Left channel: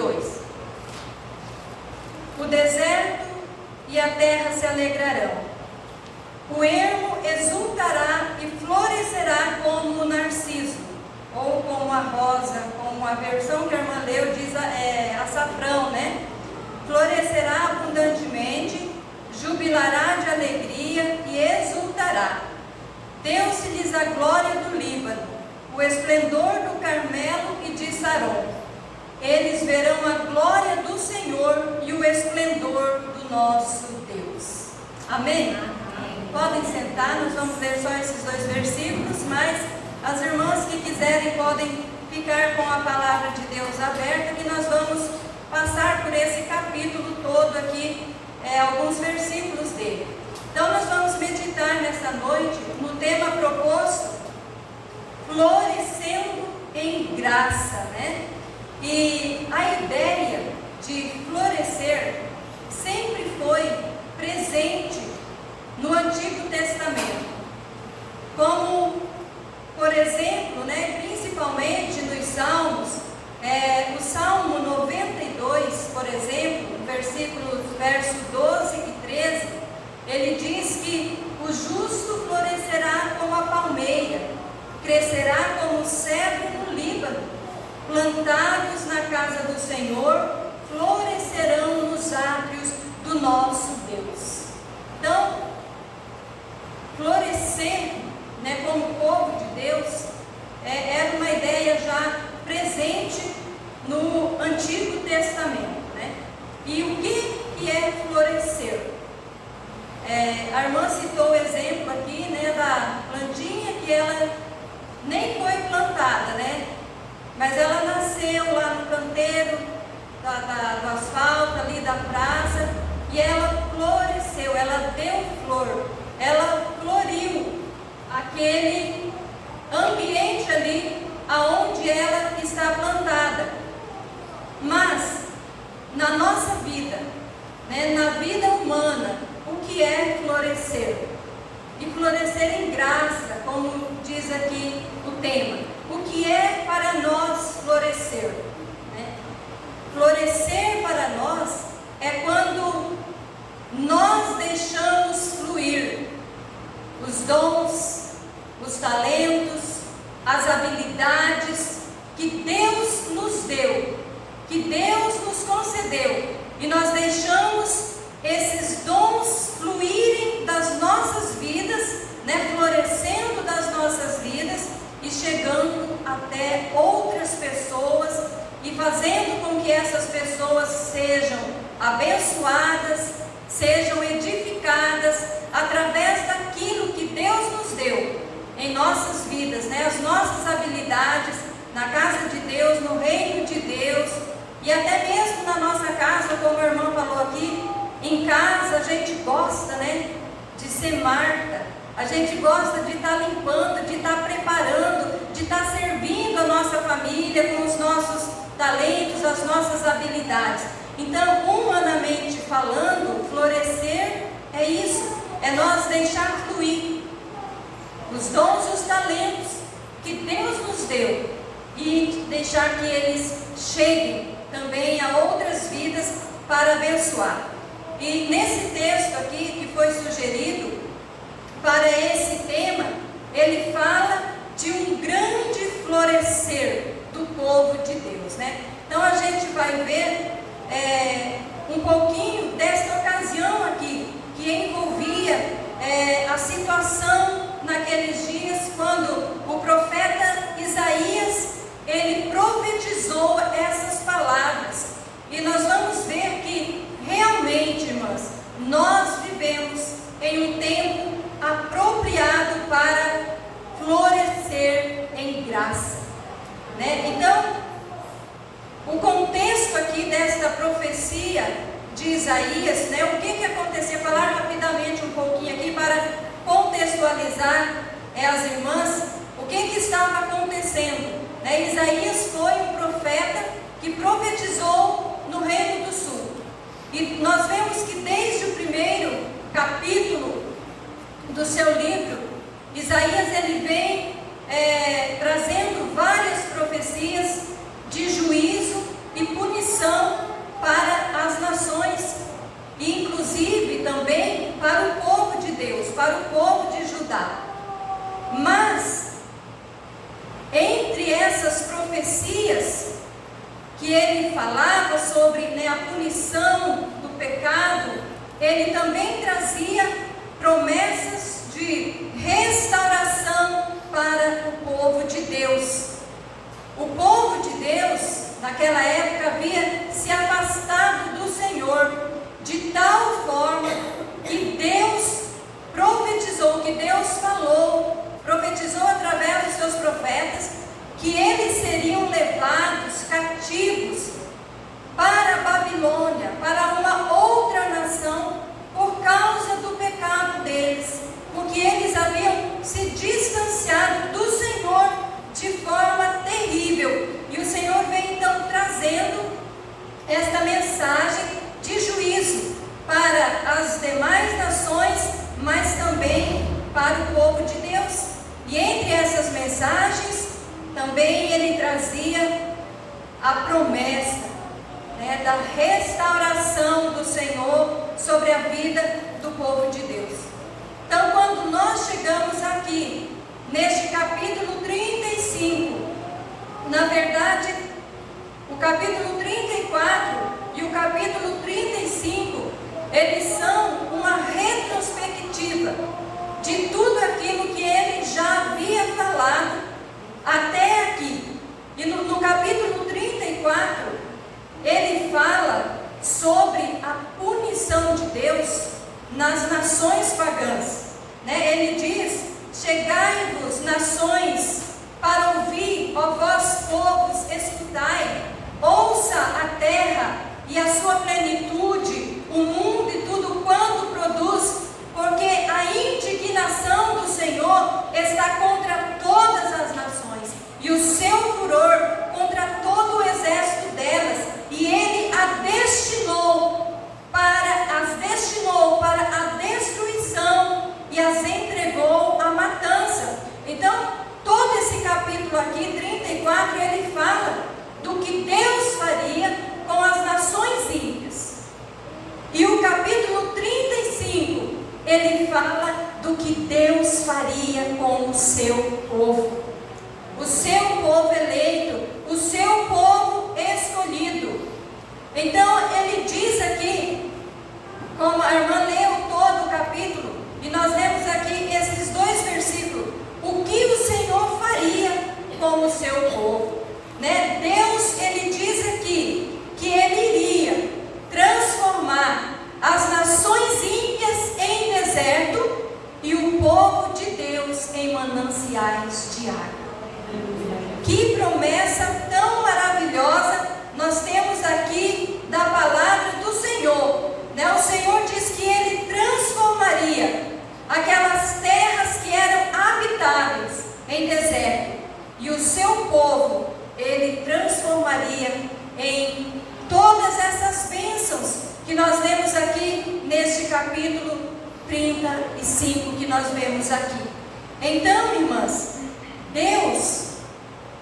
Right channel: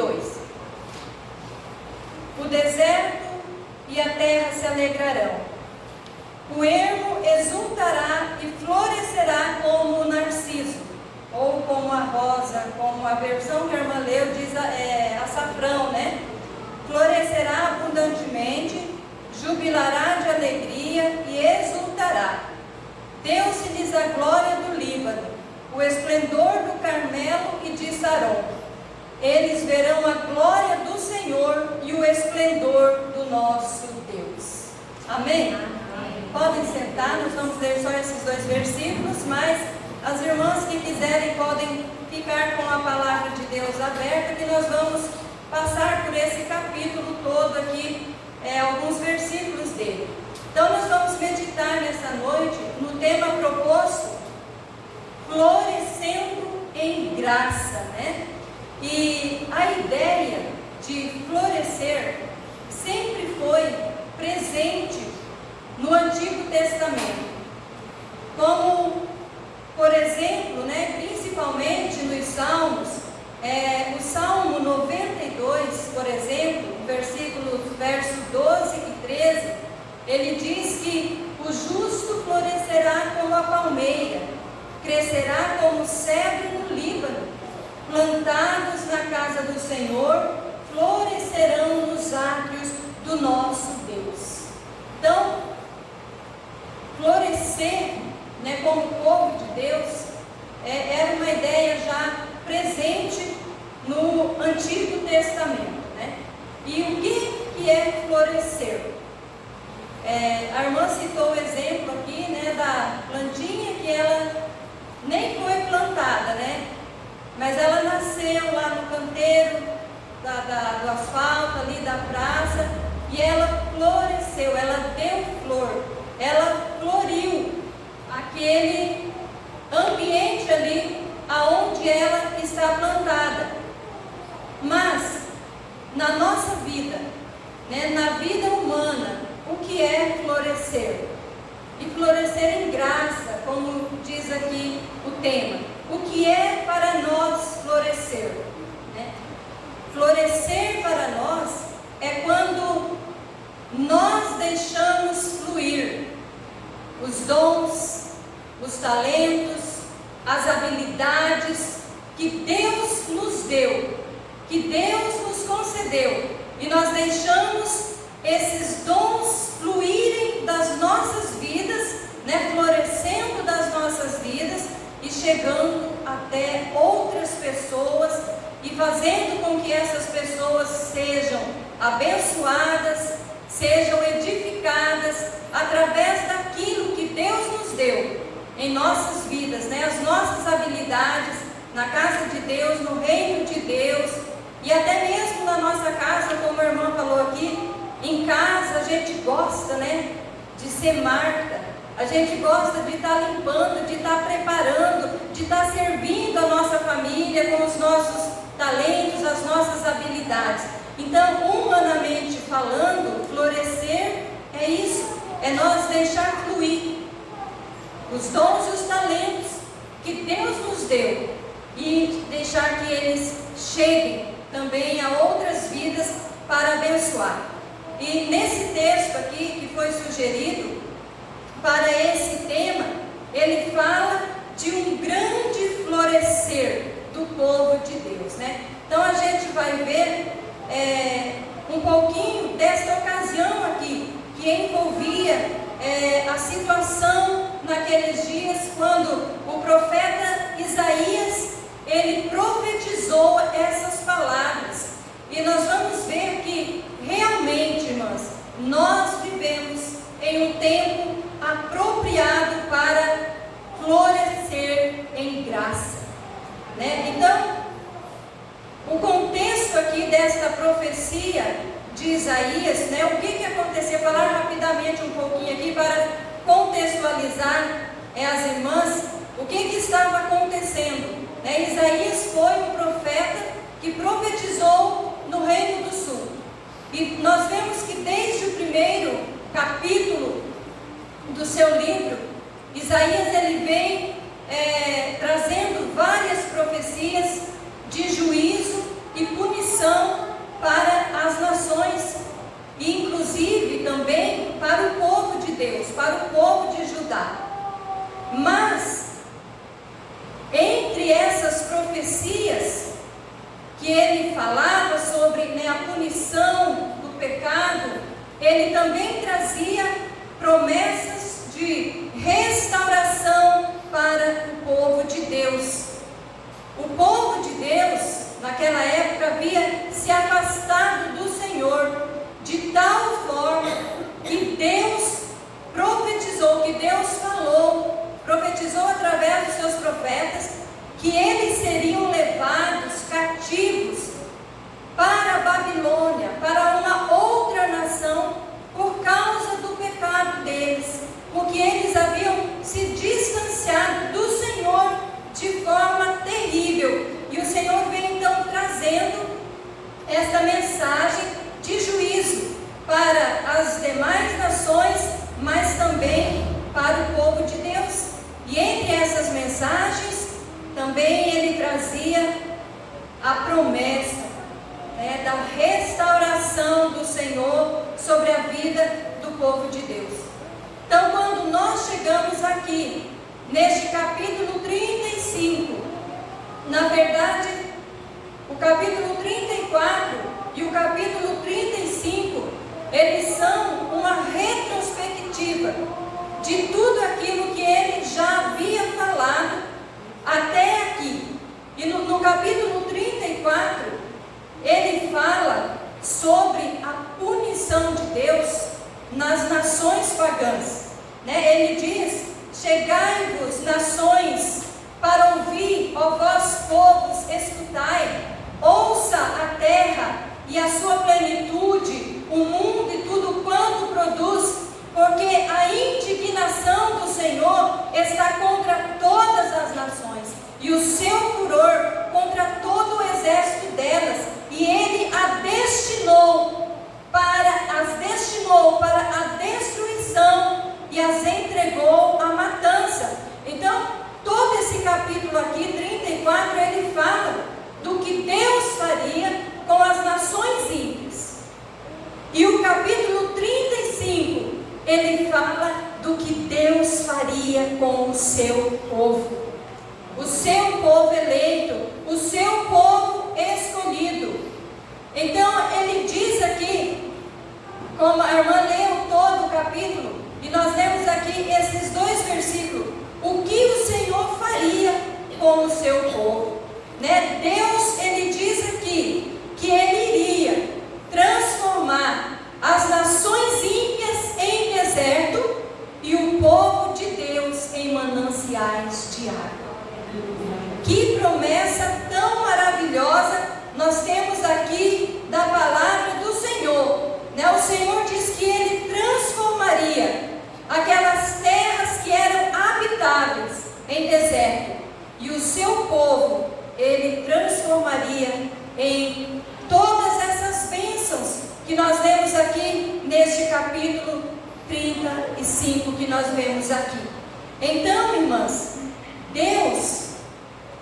2. O deserto e a terra se alegrarão. O ermo exultará e florescerá como o narciso, ou como a rosa, como a versão que a irmã leu diz açafrão, né? Florescerá abundantemente, jubilará de alegria e exultará. Deu-se-lhes a glória do Líbano, o esplendor do Carmelo e de Saron. Eles verão a glória do Senhor e o esplendor do nosso Deus. Amém? Amém. Podem sentar, nós vamos ler só esses 2 versículos, mas as irmãs que quiserem podem ficar com a palavra de Deus aberta, que nós vamos passar por esse capítulo todo aqui, alguns versículos dele. Então nós vamos meditar nesta noite no tema proposto, florescendo em graça, né? E a ideia de florescer sempre foi presente no Antigo Testamento, como, por exemplo, né, principalmente nos Salmos, o Salmo 92, por exemplo, versos 12 e 13, ele diz que o justo florescerá como a palmeira, crescerá como o cedro no Líbano, plantados na casa do Senhor, florescerão nos átrios do nosso Deus. Então, florescer, né, como povo de Deus, era uma ideia já presente no Antigo Testamento, né? E o que é florescer? A irmã citou o exemplo aqui, né, da plantinha que ela nem foi plantada, né? Mas ela nasceu lá no canteiro do asfalto, ali da praça, e ela floresceu, ela deu flor, ela floriu aquele ambiente ali aonde ela está plantada. Mas na nossa vida, né, na vida humana, o que é florescer? E florescer em graça, como diz aqui o tema. O que é para nós florescer? Né? Florescer para nós é quando nós deixamos fluir os dons, os talentos, as habilidades que Deus nos deu, que Deus nos concedeu, e nós deixamos esses dons fluírem das nossas vidas, né, florescendo das nossas vidas e chegando até outras pessoas e fazendo com que essas pessoas sejam abençoadas, sejam edificadas através daquilo que Deus nos deu em nossas vidas, né, as nossas habilidades na casa de Deus, no reino de Deus, e até mesmo na nossa casa, como a irmã falou aqui. Em casa a gente gosta, né, de ser Marta, a gente gosta de estar limpando, de estar preparando, de estar servindo a nossa família com os nossos talentos, as nossas habilidades. Então, humanamente falando, florescer é isso, é nós deixar fluir os dons e os talentos que Deus nos deu e deixar que eles cheguem também a outras vidas para abençoar. E nesse texto aqui que foi sugerido para esse tema, ele fala de um grande florescer do povo de Deus, né? Então a gente vai ver um pouquinho dessa ocasião aqui, que envolvia a situação naqueles dias, quando o profeta Isaías, ele profetizou essas palavras. E nós vamos ver que realmente, irmãs, nós vivemos em um tempo apropriado para florescer em graça, né? Então, o contexto aqui desta profecia de Isaías, né? O que aconteceu? Vou falar rapidamente um pouquinho aqui para contextualizar as irmãs, o que estava acontecendo, né? Isaías foi um profeta que profetizou no Reino do Sul. E nós vemos que desde o primeiro capítulo do seu livro, Isaías ele vem trazendo várias profecias de juízo e punição inclusive também para o povo de Deus, para o povo de Judá. Mas, entre essas profecias que ele falava sobre, né, a punição do pecado, ele também trazia promessas de restauração para o povo de Deus. O povo de Deus, naquela época, havia se afastado do Senhor de tal forma que Deus profetizou, que Deus falou, profetizou através dos seus profetas, que eles seriam levados cativos para a Babilônia, para uma outra nação, por causa do pecado deles, porque eles haviam se distanciado do Senhor de forma terrível. E o Senhor vem então trazendo esta mensagem de juízo para as demais nações, mas também para o povo de Deus. E entre essas mensagens, também ele trazia a promessa, né, da restauração do Senhor sobre a vida do povo de Deus. Então, quando nós chegamos aqui, neste capítulo 35, na verdade, o capítulo 34 e o capítulo 35, eles são uma retrospectiva de tudo aquilo que ele já havia falado até aqui. E no capítulo 34, ele fala sobre a punição de Deus nas nações pagãs, né? Ele diz: chegai-vos, nações, para ouvir, ó vós povos, escutai, ouça a terra e a sua plenitude, o mundo e tudo quanto produz, porque a indignação do Senhor está contra todas as nações, e o seu furor contra todo o exército delas, e ele as destinou para a destruição e as entregou à matança. Então, todo esse capítulo aqui, 34, ele fala do que Deus faria com as nações ímpias. E o capítulo 35, ele fala do que Deus faria com o seu povo. O seu povo eleito, o seu povo escolhido. Então, ele diz aqui, como a irmã leu todo o capítulo, e nós lemos aqui esses dois versículos, o que o Senhor faria com o seu povo, né? Deus, ele diz aqui, que ele iria transformar as nações ímpias em deserto, e o povo de Deus em mananciais de água. Que promessa tão maravilhosa nós temos aqui da palavra do Senhor, né? O Senhor diz que ele transformaria aquelas terras que eram habitáveis em deserto, e o seu povo ele transformaria em todas essas bênçãos que nós lemos aqui neste capítulo 35 que nós vemos aqui. Então, irmãs, Deus,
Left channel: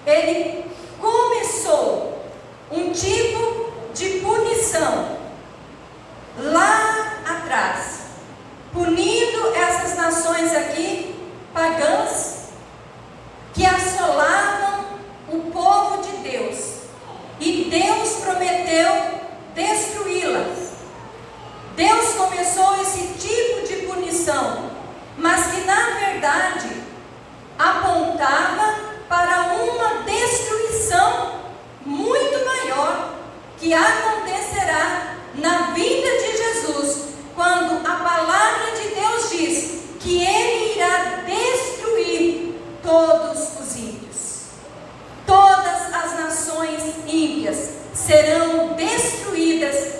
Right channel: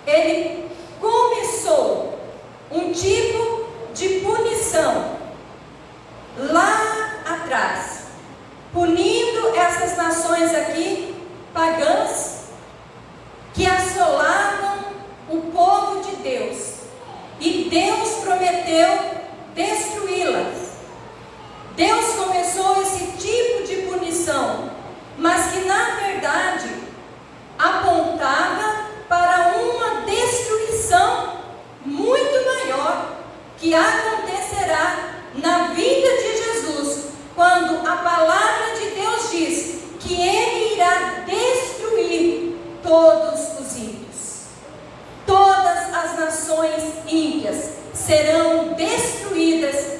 ele começou um tipo de punição lá atrás, punindo essas nações aqui pagãs que assolavam o povo de Deus, e Deus prometeu destruí-las. Deus começou esse tipo de punição, mas que na verdade apontava para uma destruição muito maior que acontecerá na vinda de Jesus, quando a palavra de Deus diz que ele irá destruir todos os ímpios. Todas as nações ímpias serão destruídas.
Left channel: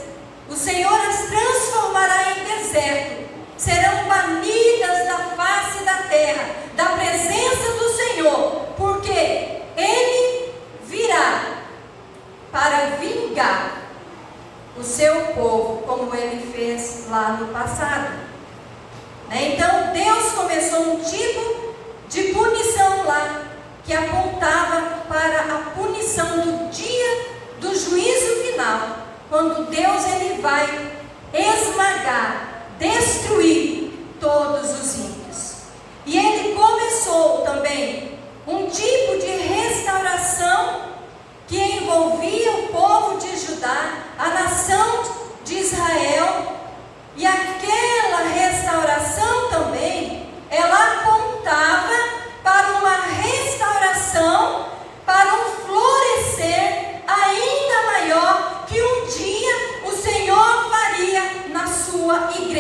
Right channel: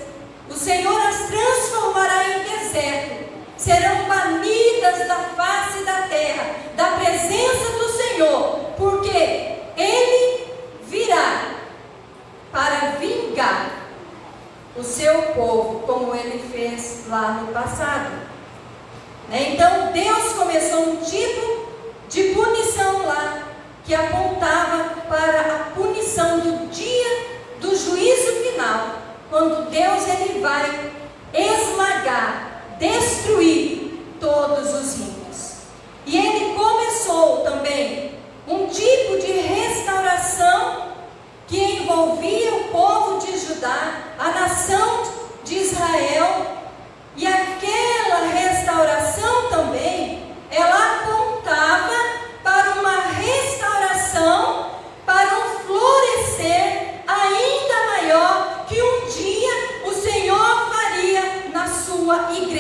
O Senhor as transformará em deserto, serão banidas da face da terra, da presença do Senhor, porque ele virá para vingar o seu povo, como ele fez lá no passado. Então Deus começou um tipo de punição lá, que apontava para a punição do dia do juízo final, quando Deus ele vai esmagar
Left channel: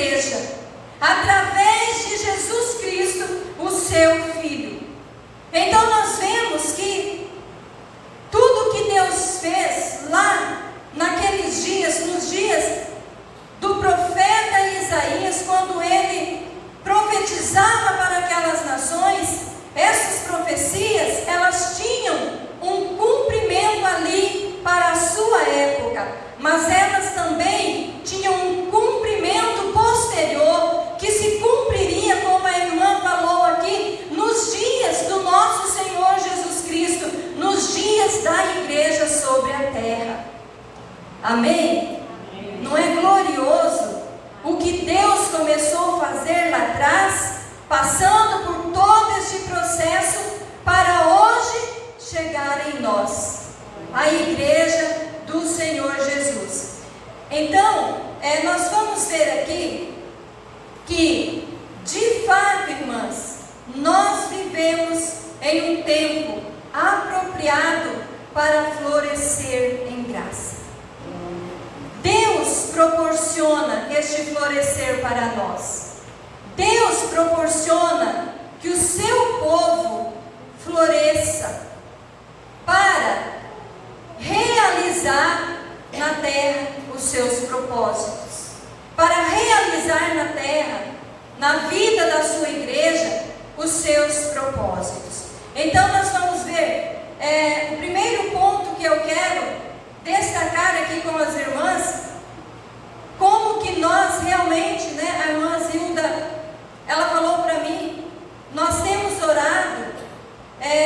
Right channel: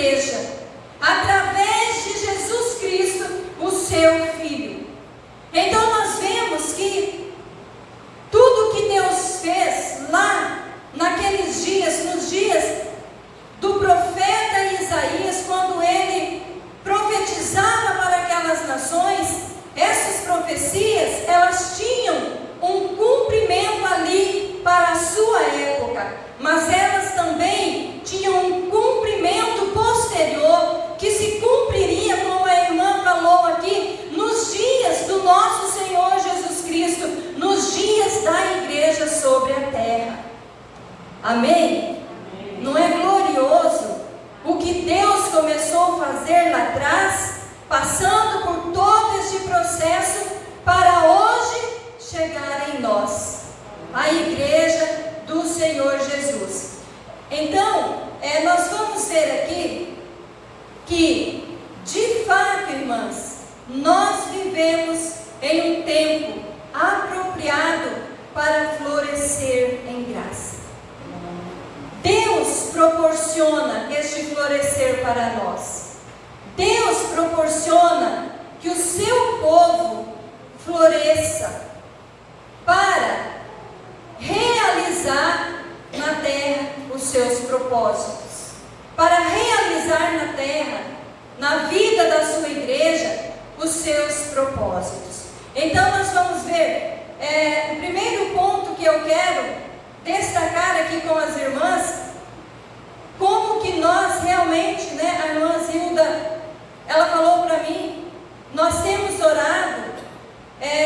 igreja, através de Jesus Cristo, o seu Filho. Então nós vemos que tudo que Deus fez lá naqueles dias, nos dias do profeta Isaías, quando ele profetizava para aquelas nações, essas profecias, elas tinham um cumprimento ali para a sua época, mas elas também tinham um cumprimento posterior, que se cumpriria, como a irmã falou aqui, nos dias do nosso Senhor Jesus Cristo, nos dias da igreja sobre a terra. Amém? Não é glorioso o que Deus começou a fazer lá atrás, passando por todo este processo, para hoje chegar em nós, a igreja do Senhor Jesus. Então, nós vamos ver aqui que, de fato, irmãs, nós vivemos em um tempo apropriado para florescer em graça. Deus proporciona este florescer para nós. Deus proporciona que o seu povo floresça para realizar na terra os seus propósitos, para realizar na terra, na vida da sua igreja, os seus propósitos. Então nós vamos ver o primeiro ponto que eu quero destacar aqui com as irmãs, como que nós realmente, a irmã Zilda, ela falou para mim, nós temos orado,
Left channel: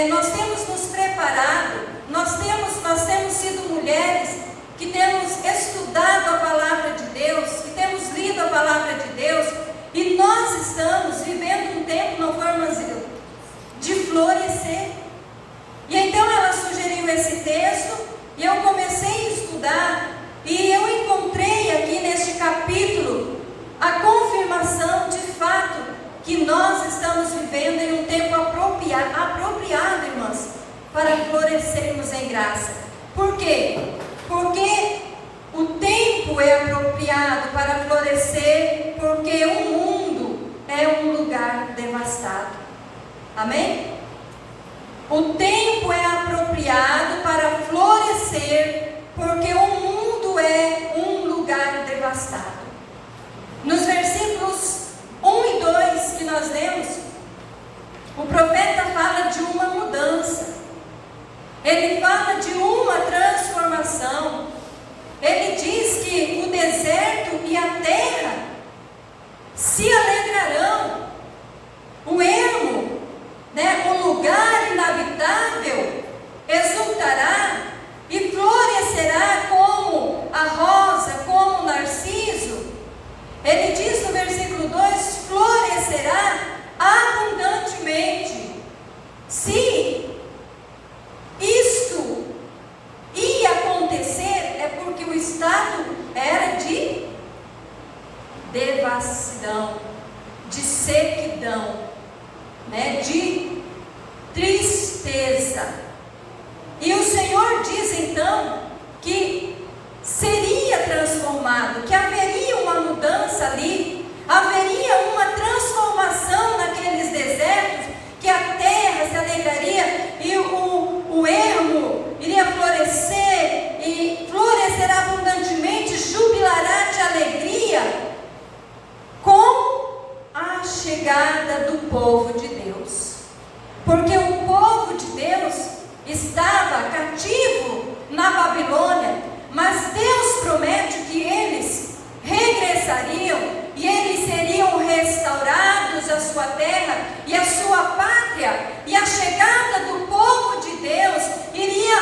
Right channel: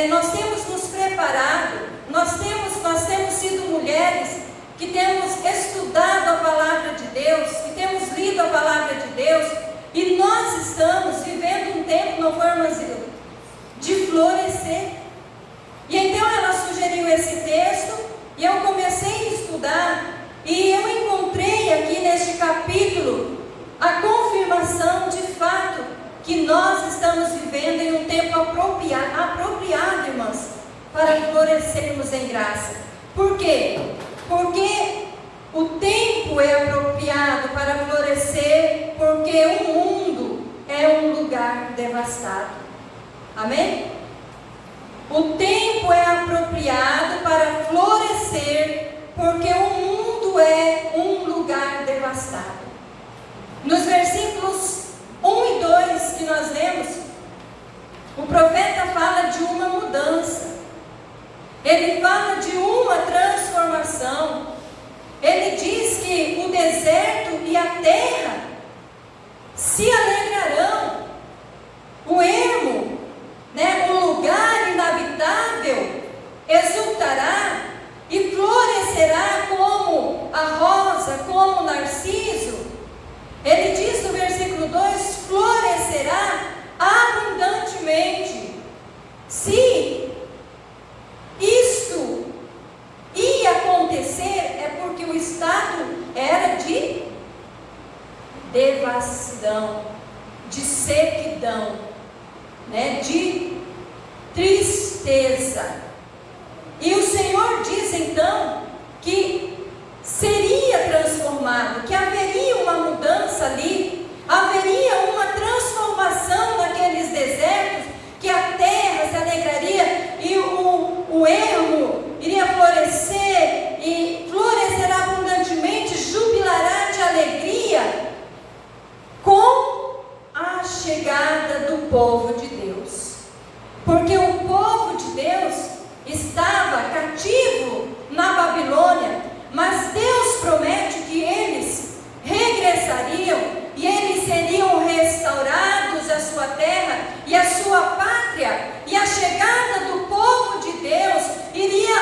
nós temos nos preparado, nós temos sido mulheres que temos estudado a palavra de Deus, que temos lido a palavra de Deus, e nós estamos vivendo um tempo, não foi, irmã Zilda, de florescer. E então ela sugeriu esse texto, e eu comecei a estudar, e eu encontrei aqui neste capítulo a confirmação de fato que nós estamos vivendo em um tempo apropriado, irmãs, para florescermos em graça. Por quê? Porque o tempo é apropriado para florescer, porque o mundo é um lugar devastado. Amém? O tempo é apropriado para florescer, porque o mundo é um lugar devastado. Nos versículos 1 e 2 que nós lemos, o profeta fala de uma mudança. Ele fala de uma transformação. Ele diz que o deserto e a terra se alegrarão. O ermo, o lugar inabitável, exultará e florescerá como a rosa, como o narciso. Ele diz no versículo 2, florescerá abundantemente. Se isto ia acontecer, é porque o estado era de devassidão, de sequidão, de tristeza. E o Senhor diz então que seria transformado, que haveria uma mudança ali, haveria uma transformação naqueles desertos, que a terra se alegraria e o ermo iria florescer e florescerá abundantemente, jubilará de alegria com a chegada do povo de Deus. Porque o povo de Deus estava cativo na Babilônia, mas Deus promete que eles regressariam e eles seriam restaurados a sua terra e a sua pátria, e a chegada do povo de Deus iria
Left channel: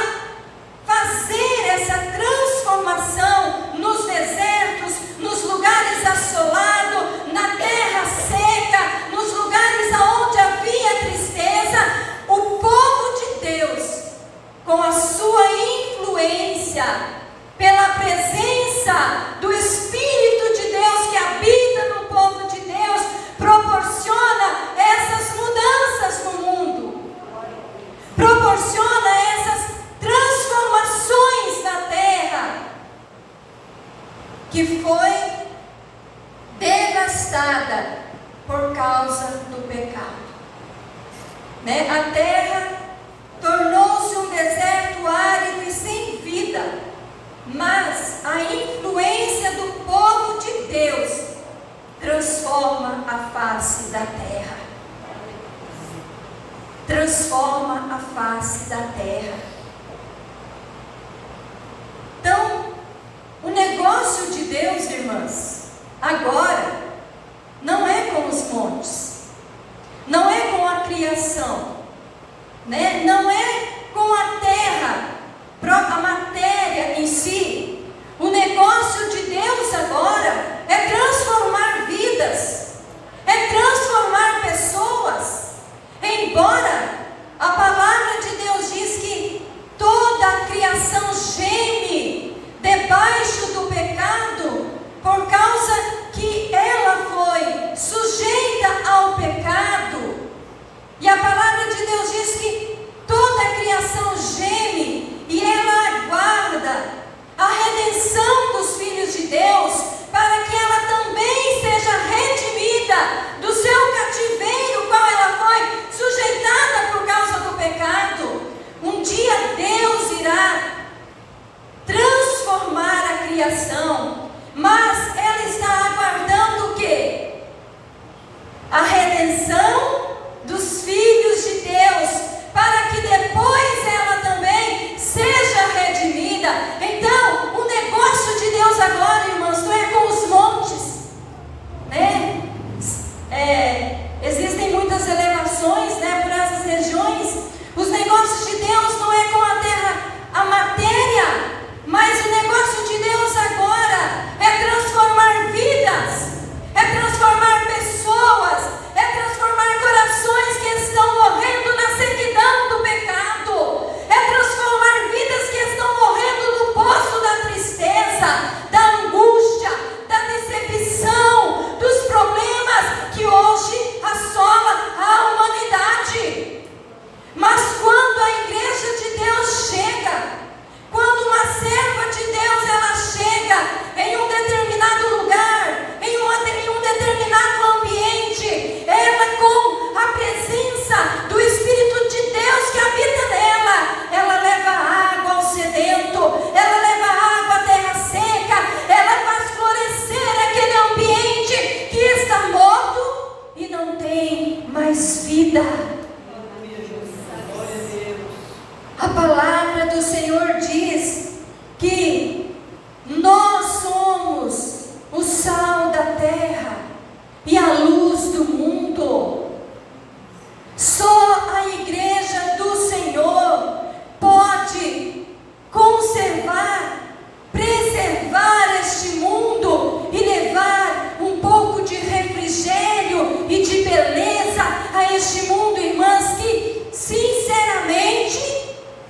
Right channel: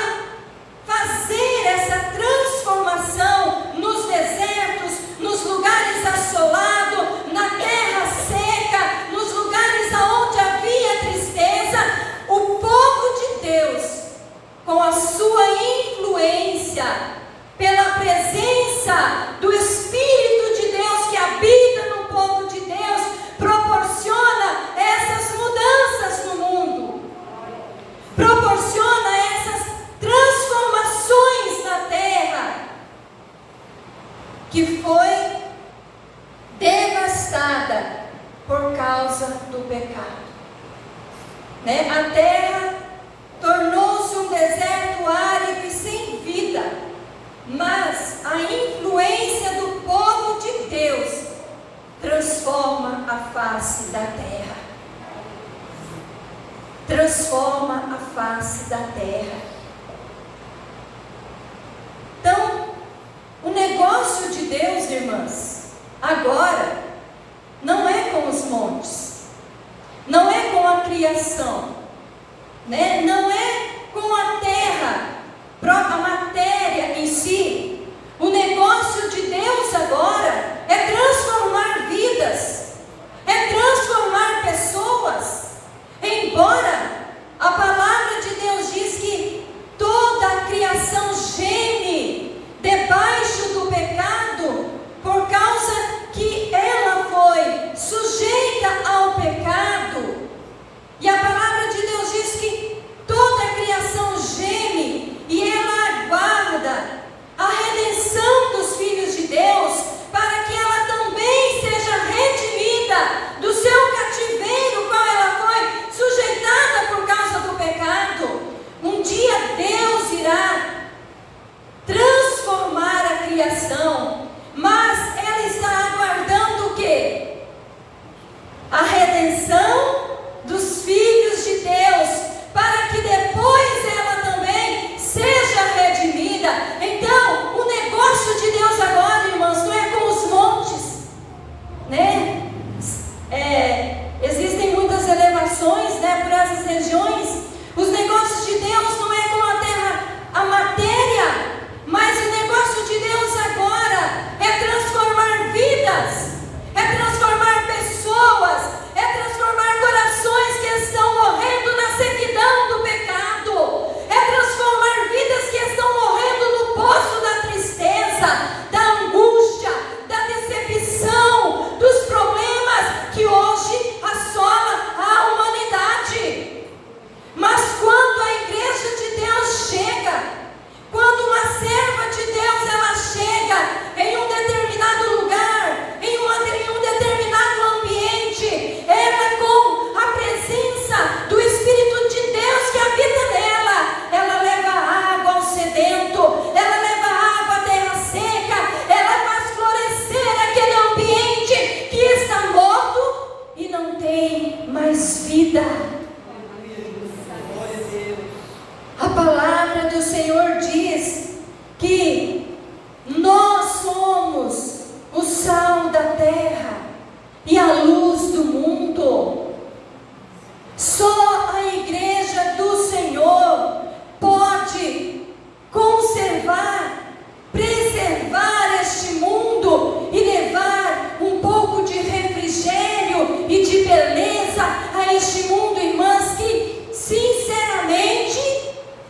fazer essa transformação nos desertos, nos lugares assolados, na terra seca, nos lugares onde havia tristeza. O povo de Deus, com a sua influência, pela presença do Espírito de Deus que habita no povo de Deus, proporciona essas mudanças. causa do pecado. Né? A terra tornou-se um deserto árido e sem vida, mas a influência do povo de Deus transforma a face da terra. Transforma a face da terra. Então, o negócio de Deus, irmãs, agora não é com os montes, não é com a criação, né? Não é com a terra, a matéria em si. O negócio de Deus agora é transformar vidas, é transformar pessoas. Embora a palavra de Deus diz que toda a criação geme debaixo do pecado, por causa que ela foi sujeita ao pecado. E a palavra de Deus diz que toda a criação geme e ela aguarda a redenção dos filhos de Deus, para que ela também seja redimida do seu cativeiro, qual ela foi sujeitada por causa do pecado. Um dia Deus irá transformar a criação, mas ela está aguardando o quê? A redenção dos filhos de Deus, para que depois ela também seja redimida. Então, o negócio de Deus agora, irmãos, não é com os montes, né? Existem muitas elevações, né, por essas regiões. Os negócios de Deus não é com a terra, a matéria, mas o negócio de Deus agora é transformar vidas, é transformar pessoas, é transformar corações que estão morrendo na sequidão do pecado, é transformar vidas que estão morrendo no poço da tristeza, da angústia, da decepção, dos problemas que hoje assola a humanidade. Mas quando a igreja de Deus chega, quando uma serva de Deus ela chega em um determinado lugar, em um determinado ambiente, ela com a presença do Espírito de Deus que habita nela, ela leva água ao sedento, ela leva água à terra seca, ela faz florescer aquele ambiente que está morto e não tem mais vida. A palavra do Senhor diz que nós somos o sal da terra e a luz do mundo. Só a igreja do Senhor pode conservar, preservar este mundo e levar um pouco de refrigério e de beleza a este mundo, irmãs, que sinceramente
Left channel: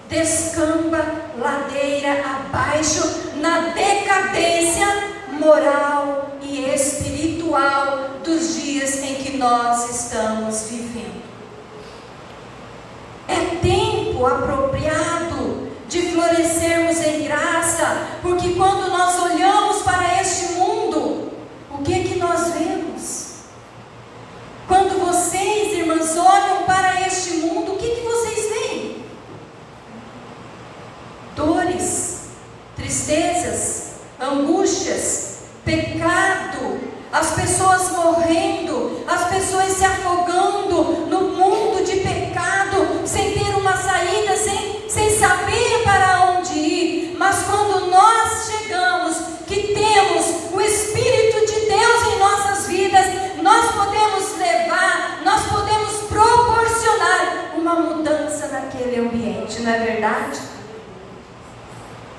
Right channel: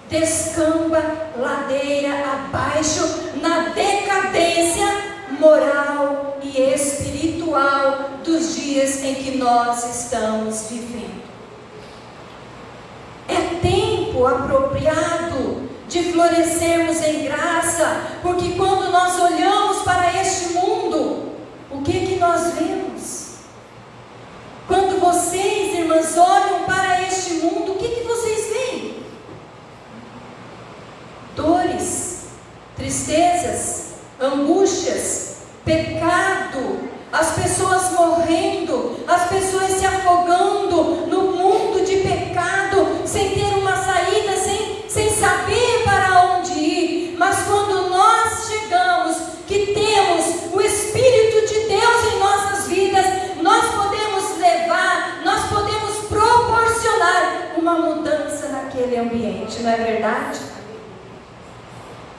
descamba ladeira abaixo na decadência moral e espiritual dos dias em que nós estamos vivendo. É tempo apropriado de florescermos em graça, porque quando nós olhamos para este mundo, o que nós vemos? Quando vocês, irmãs, olham para este mundo, o que vocês veem? Dores, tristezas, angústias, pecado, as pessoas morrendo, as pessoas se afogando no mundo de pecado, sem ter uma saída, sem saber para onde ir. Mas quando nós chegamos, que temos o Espírito de Deus em nossas vidas, nós podemos levar, nós podemos proporcionar uma mudança naquele ambiente, não é verdade?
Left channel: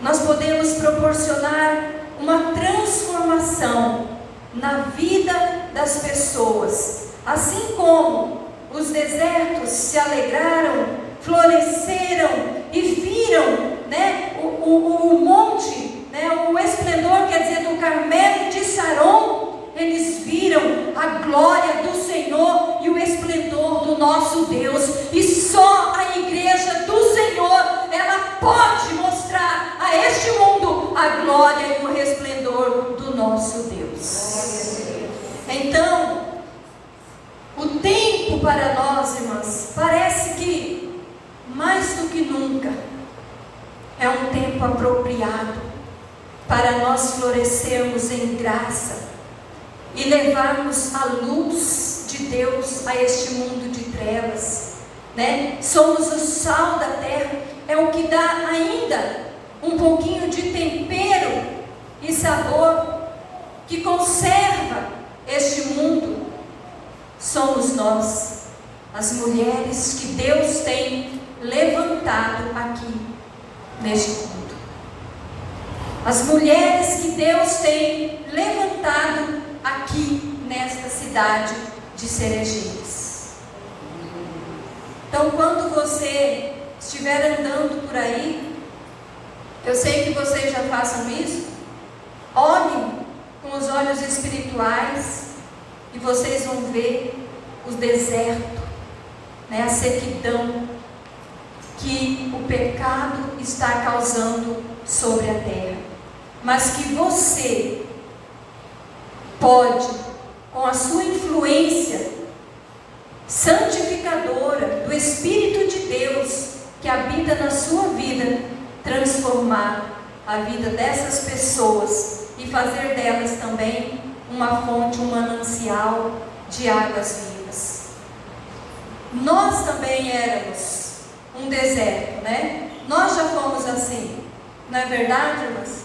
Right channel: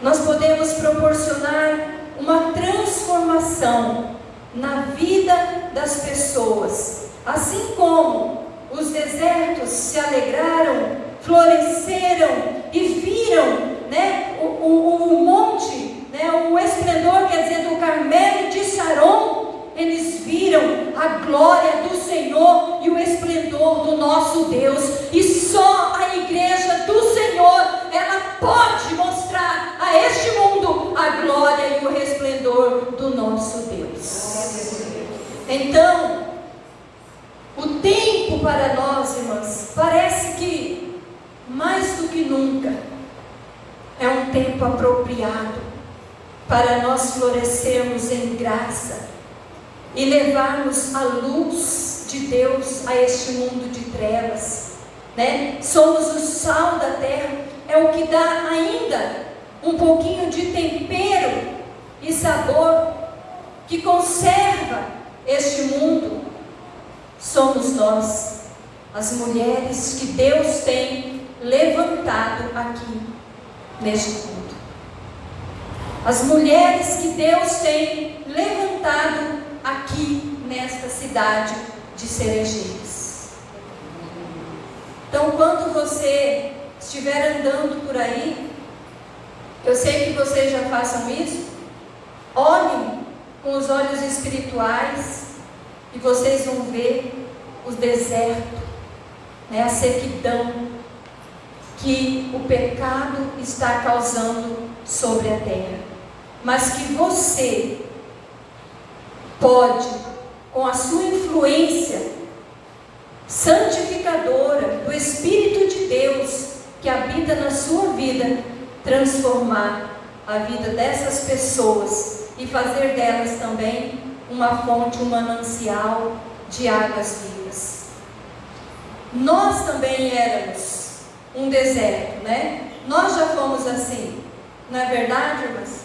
Nós podemos proporcionar uma transformação na vida das pessoas. Assim como os desertos se alegraram, floresceram e viram, né, o monte, né, o esplendor, quer dizer, do Carmelo e de Saron, eles viram a glória do Senhor e o esplendor do nosso Deus. E só a igreja do Senhor, ela pode mostrar a este mundo a glória e o resplendor do nosso Deus. Então, o tempo para nós, irmãs, parece que mais do que nunca é um tempo apropriado para nós florescermos em graça e levarmos a luz de Deus a este mundo de trevas, né? Somos o sal da terra, é o que dá ainda um pouquinho de tempero e sabor, que conserva este mundo. Somos nós, as mulheres que Deus tem levantado aqui neste mundo. As mulheres que Deus tem levantado aqui nesta cidade de Cerejeiras. Então, quando você estiver andando por aí, eu sei que vocês já façam isso, olhem com os olhos espirituais e vocês vão ver o deserto, né, a sequidão que o pecado está causando sobre a terra, mas que você pode, com a sua influência santificadora do Espírito de Deus que habita na sua vida, transformar a vida dessas pessoas e fazer delas também uma fonte, um manancial de águas vivas. Nós também éramos um deserto, né? Nós já fomos assim, não é verdade, irmãs?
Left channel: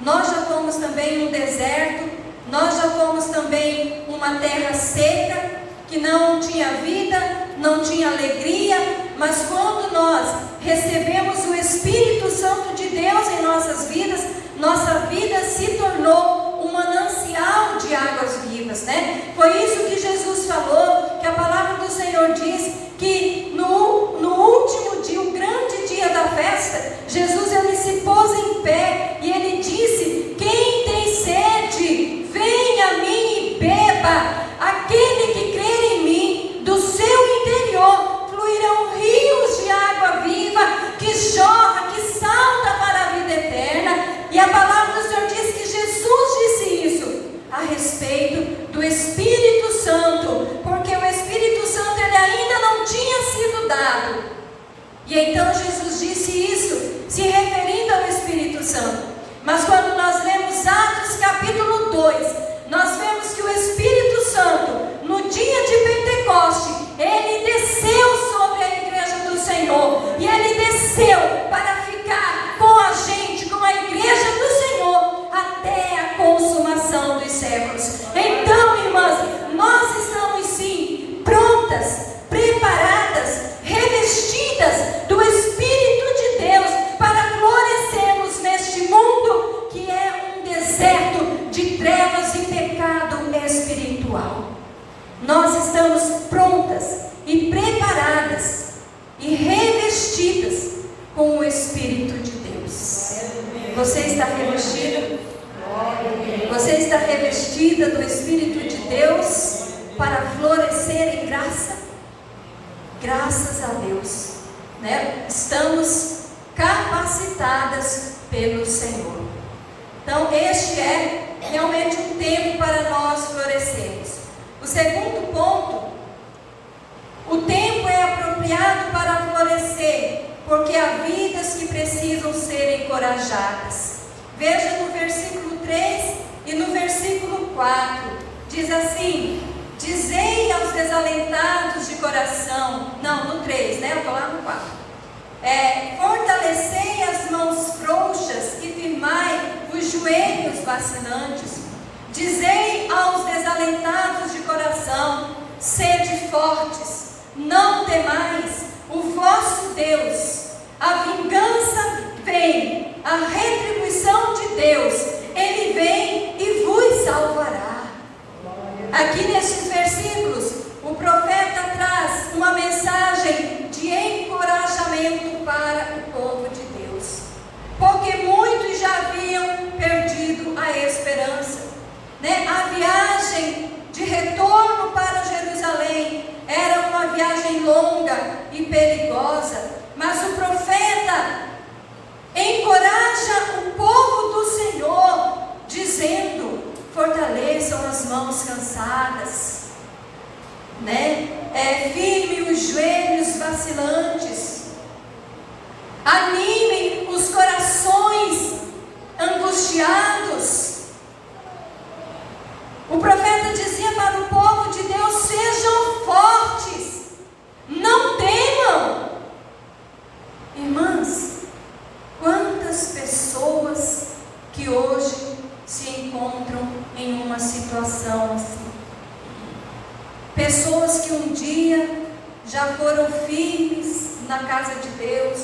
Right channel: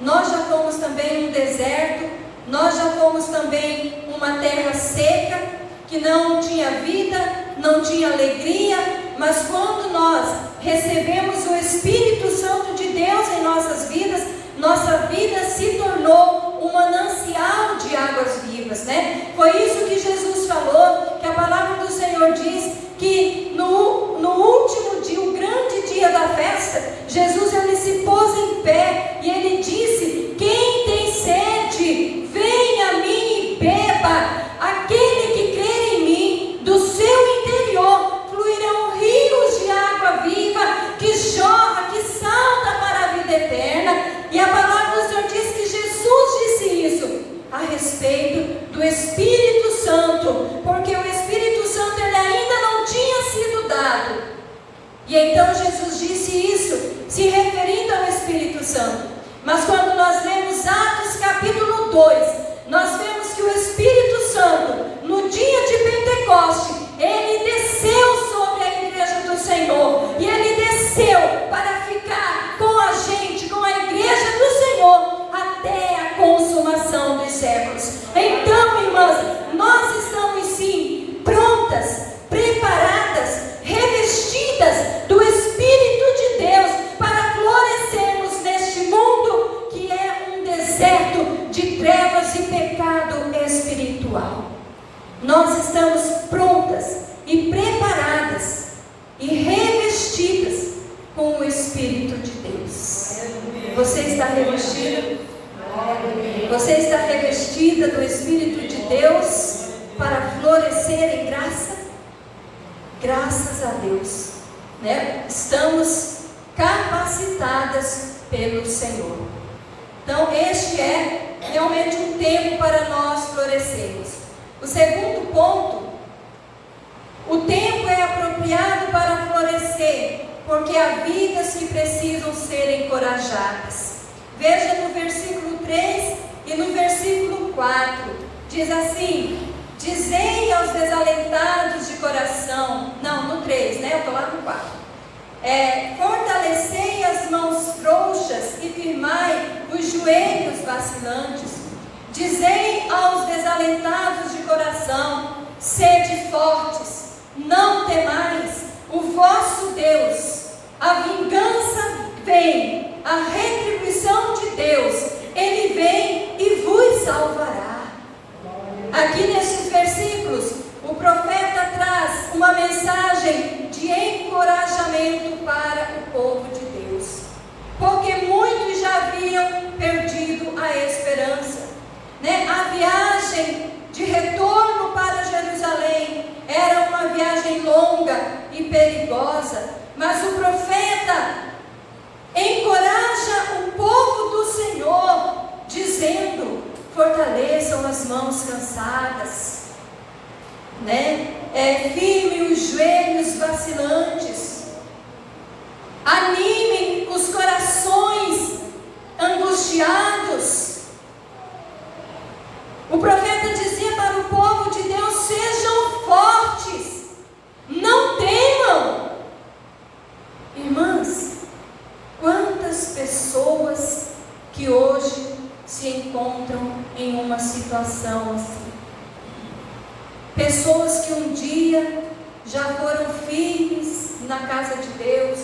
Nós já fomos também um deserto, nós já fomos também uma terra seca, que não tinha vida, não tinha alegria, mas quando nós recebemos o Espírito Santo de Deus em nossas vidas, nossa vida se tornou um manancial de águas vivas, né? Foi isso que Jesus falou, que a palavra do Senhor diz, que no último dia, o grande dia da festa, Jesus ele se pôs em pé e ele disse: quem tem sede, venha a mim e beba. Aquele que crer em mim, do seu interior fluirão rios de água viva, que jorra, que salta para a vida eterna. E a palavra do Senhor diz que Jesus disse isso a respeito do Espírito Santo, porque o Espírito Santo ele ainda não tinha sido dado. E então Jesus disse isso, se referindo ao Espírito Santo. Mas quando nós lemos Atos capítulo 2, nós vemos que o Espírito Santo, no dia de Pentecoste, ele desceu sobre a igreja do Senhor, e ele desceu para ficar com a gente, com a igreja do Senhor, até a consumação dos séculos. Então, irmãs, nós estamos sim prontas, preparadas, revestidas do Espírito de Deus para florescermos neste mundo que é um deserto de trevas e pecado espiritual. Nós estamos prontas e preparadas e revestidas com o Espírito de Deus. Você está revestida? Você está revestida do Espírito de Deus para florescer em graça? Graças a Deus, né? Estamos capacitadas pelo Senhor. Então, este é realmente um tempo para nós florescermos. O segundo ponto, o tempo é apropriado para florescer, porque há vidas que precisam ser encorajadas. Veja no versículo 3 e no versículo 4, diz assim: dizei aos desalentados de coração, não, no 3, né? Eu estou lá no 4. Fortalecei as mãos frouxas e firmai os joelhos vacilantes. Dizei aos desalentados de coração: sede fortes, não temais, o vosso Deus, a vingança vem, a retribuição de Deus, Ele vem e vos salvará. Aqui nesses versículos, o profeta traz uma mensagem de encorajamento para o povo de Deus, porque muitos já haviam perdido a esperança, né? A viagem de retorno para Jerusalém era uma viagem longa e perigosa, mas o profeta encoraja o povo do Senhor, dizendo: fortaleçam as mãos cansadas, né? firme os joelhos vacilantes, animem os corações angustiados. O profeta dizia para o povo de Deus: sejam fortes, não temam. Irmãs, quantas pessoas que hoje se encontram em uma situação assim? Pessoas que um dia já foram firmes na casa de Deus,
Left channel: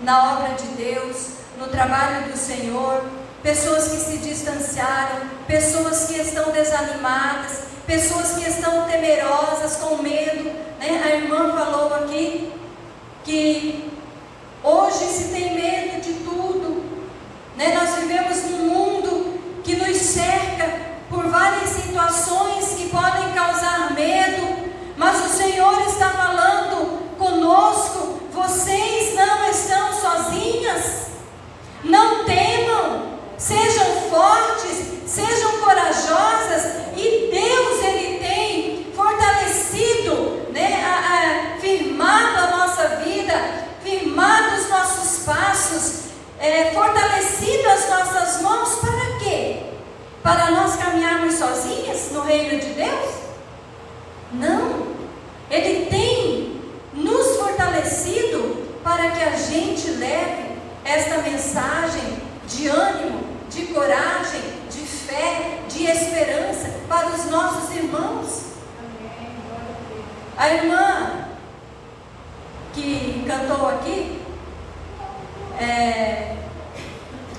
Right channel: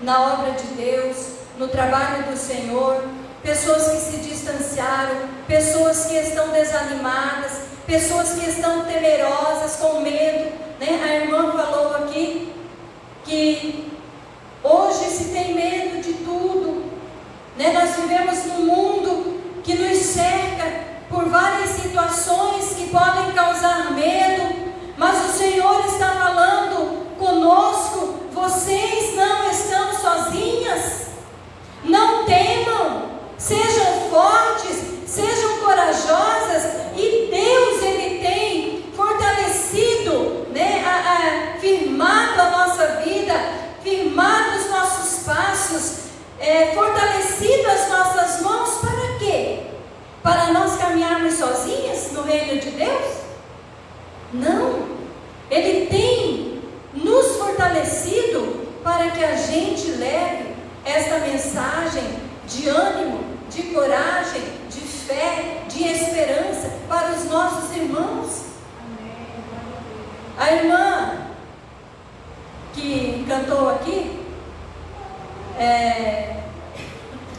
na obra de Deus, no trabalho do Senhor, pessoas que se distanciaram, pessoas que estão desanimadas, pessoas que estão temerosas, com medo, né? A irmã falou aqui que hoje se tem medo de tudo, né? Nós vivemos num mundo que nos cerca por várias situações que podem causar medo, mas o Senhor está falando conosco: vocês não estão sozinhas, não temam, sejam fortes, sejam corajosas, e Deus, Ele tem fortalecido, né, firmado a nossa vida, firmado os nossos passos, fortalecido as nossas mãos. Para quê? Para nós caminharmos sozinhas no reino de Deus? Não, Ele tem nos fortalecido para que a gente leve esta mensagem de ânimo, de coragem, de fé, de esperança para os nossos irmãos. A irmã que cantou aqui,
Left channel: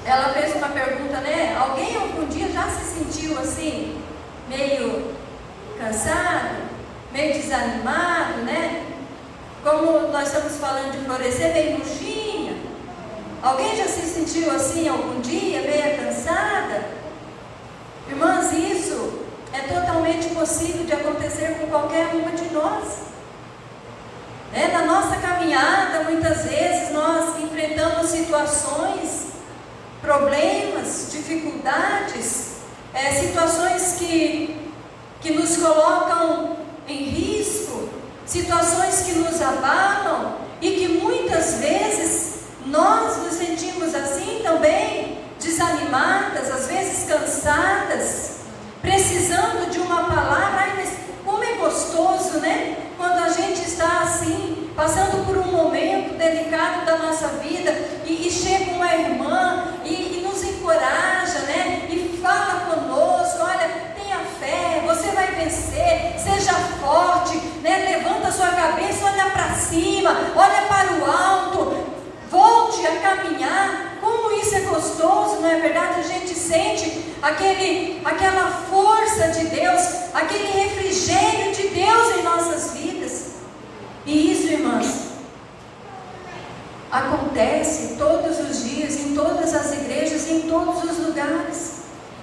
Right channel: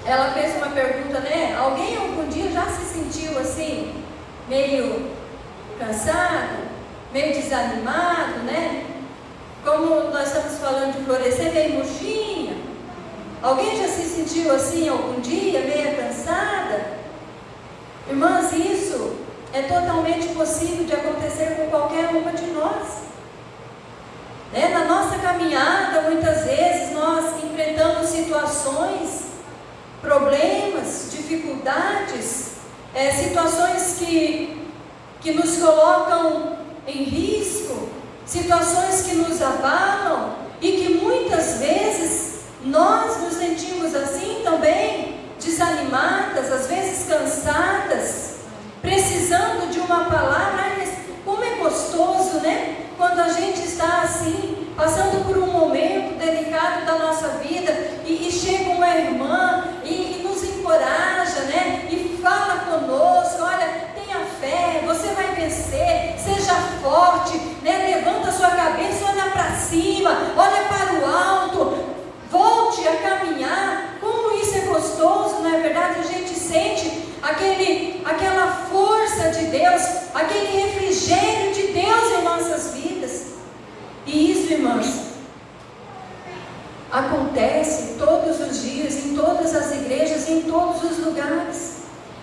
ela fez uma pergunta, né? Alguém algum dia já se sentiu assim, meio cansado, meio desanimado, né? Como nós estamos falando de florescer, meio murchinha? Alguém já se sentiu assim algum dia, meio cansada? Irmãs, isso é totalmente possível de acontecer com qualquer uma de nós. Na nossa caminhada, muitas vezes nós enfrentamos situações, problemas, dificuldades, situações que nos colocam em risco, situações que nos abalam e que muitas vezes nós nos sentimos assim também, desanimadas, às vezes cansadas, precisando de uma palavra. Ai, mas como é gostoso, né? Quando a gente está assim, passando por um momento delicado da nossa vida e chega uma irmã e nos encoraja, né? E fala conosco: olha, tenha fé, você vai vencer, seja forte, né? Levanta a sua cabeça, olha para cima, olha para o alto, volte a caminhar. Como isso é gostoso, não é verdade? A gente sente aquela força de Deus, aquele refrigério de Deus em nossas vidas. E isso, irmãs, acontece todos os dias, em todas as igrejas, em todos os lugares.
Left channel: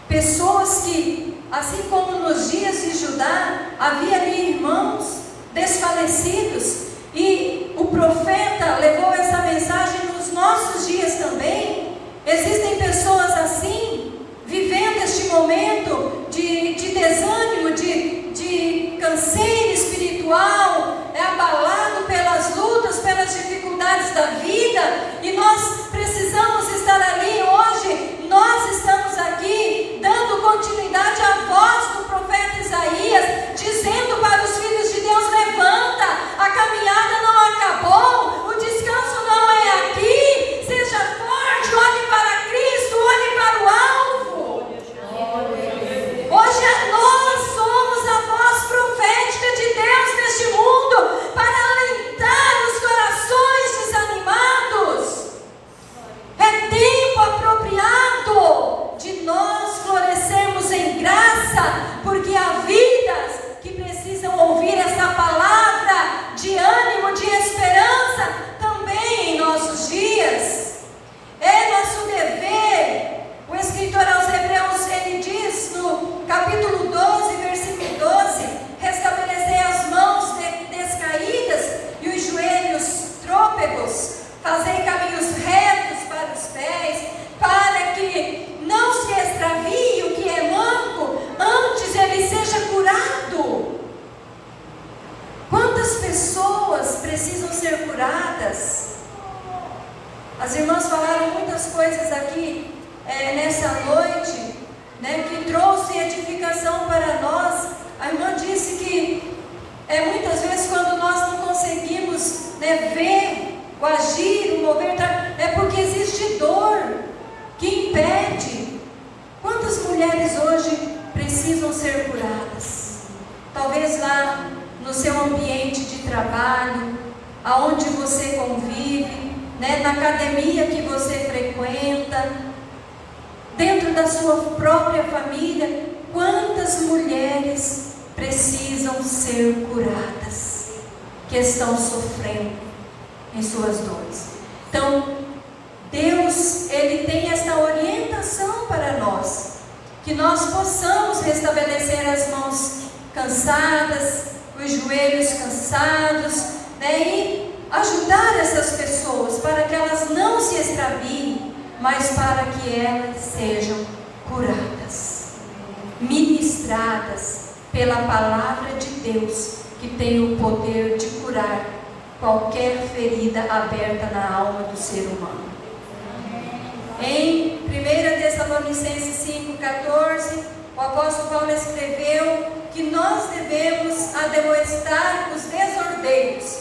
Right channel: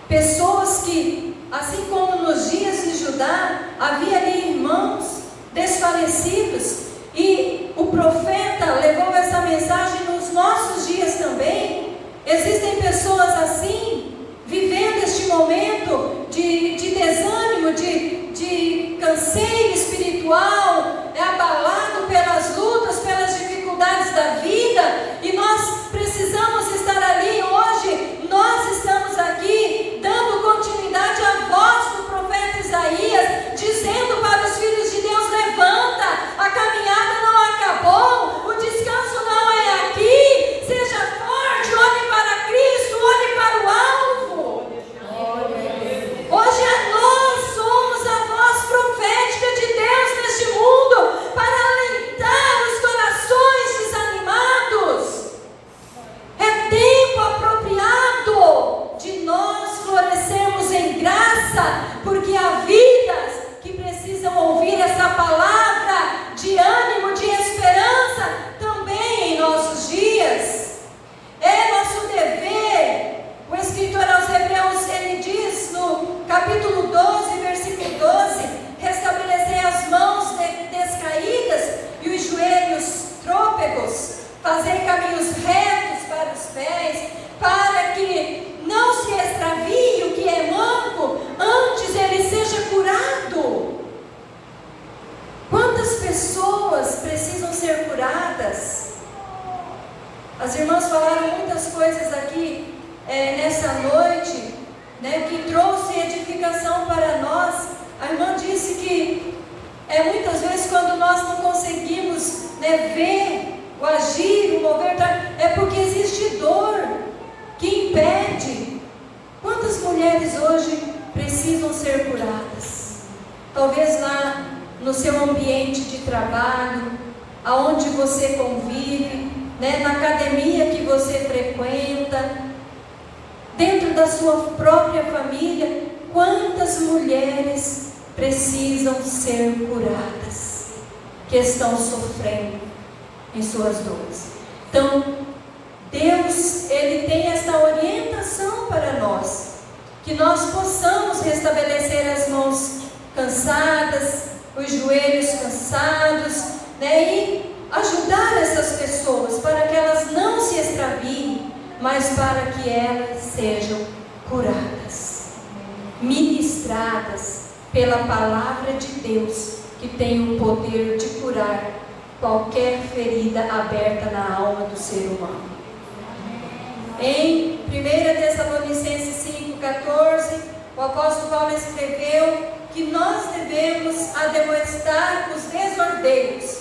Pessoas que, assim como nos dias de Judá, havia ali irmãos desfalecidos, e o profeta levou essa mensagem nos nossos dias também. Existem pessoas assim, vivendo este momento de desânimo, de canseiro espiritual, abalado pelas lutas, pelas dificuldades da vida, e nós precisamos estar ali hoje. Nós estamos aqui dando continuidade à voz do profeta Isaías, dizendo para os filhos de Deus: levanta, a caminhada não acabou, o descanso não é aqui, seja forte, olhe para Cristo, olhe para o alvo. Hoje nós somos a voz profética irmãs falaram muitas coisas aqui nessa noite, né, que trouxe edificação para nós. A irmã disse que muitas vezes quando nós não conseguimos, né, ver o agir, o mover, é porque existe dor que impede. Quantas mulheres hoje precisam ser curadas? Talvez lá no seu ambiente de trabalho, aonde você convive, né, na academia que você frequenta, dentro da sua própria família, quantas mulheres precisam ser curadas, que estão sofrendo em suas dores. Então, Deus, Ele tem esta orientação para nós, que nós possamos restabelecer as mãos cansadas, os joelhos cansados, né, e ajudar essas pessoas para que elas não se extraviem, mas para que elas sejam curadas, ministradas pela palavra de Deus, que tem o poder de curar qualquer ferida aberta na alma do ser humano. Em 1 Tessalonicenses 5,14, o apóstolo Paulo escreveu que nós devemos admoestar os desordeiros,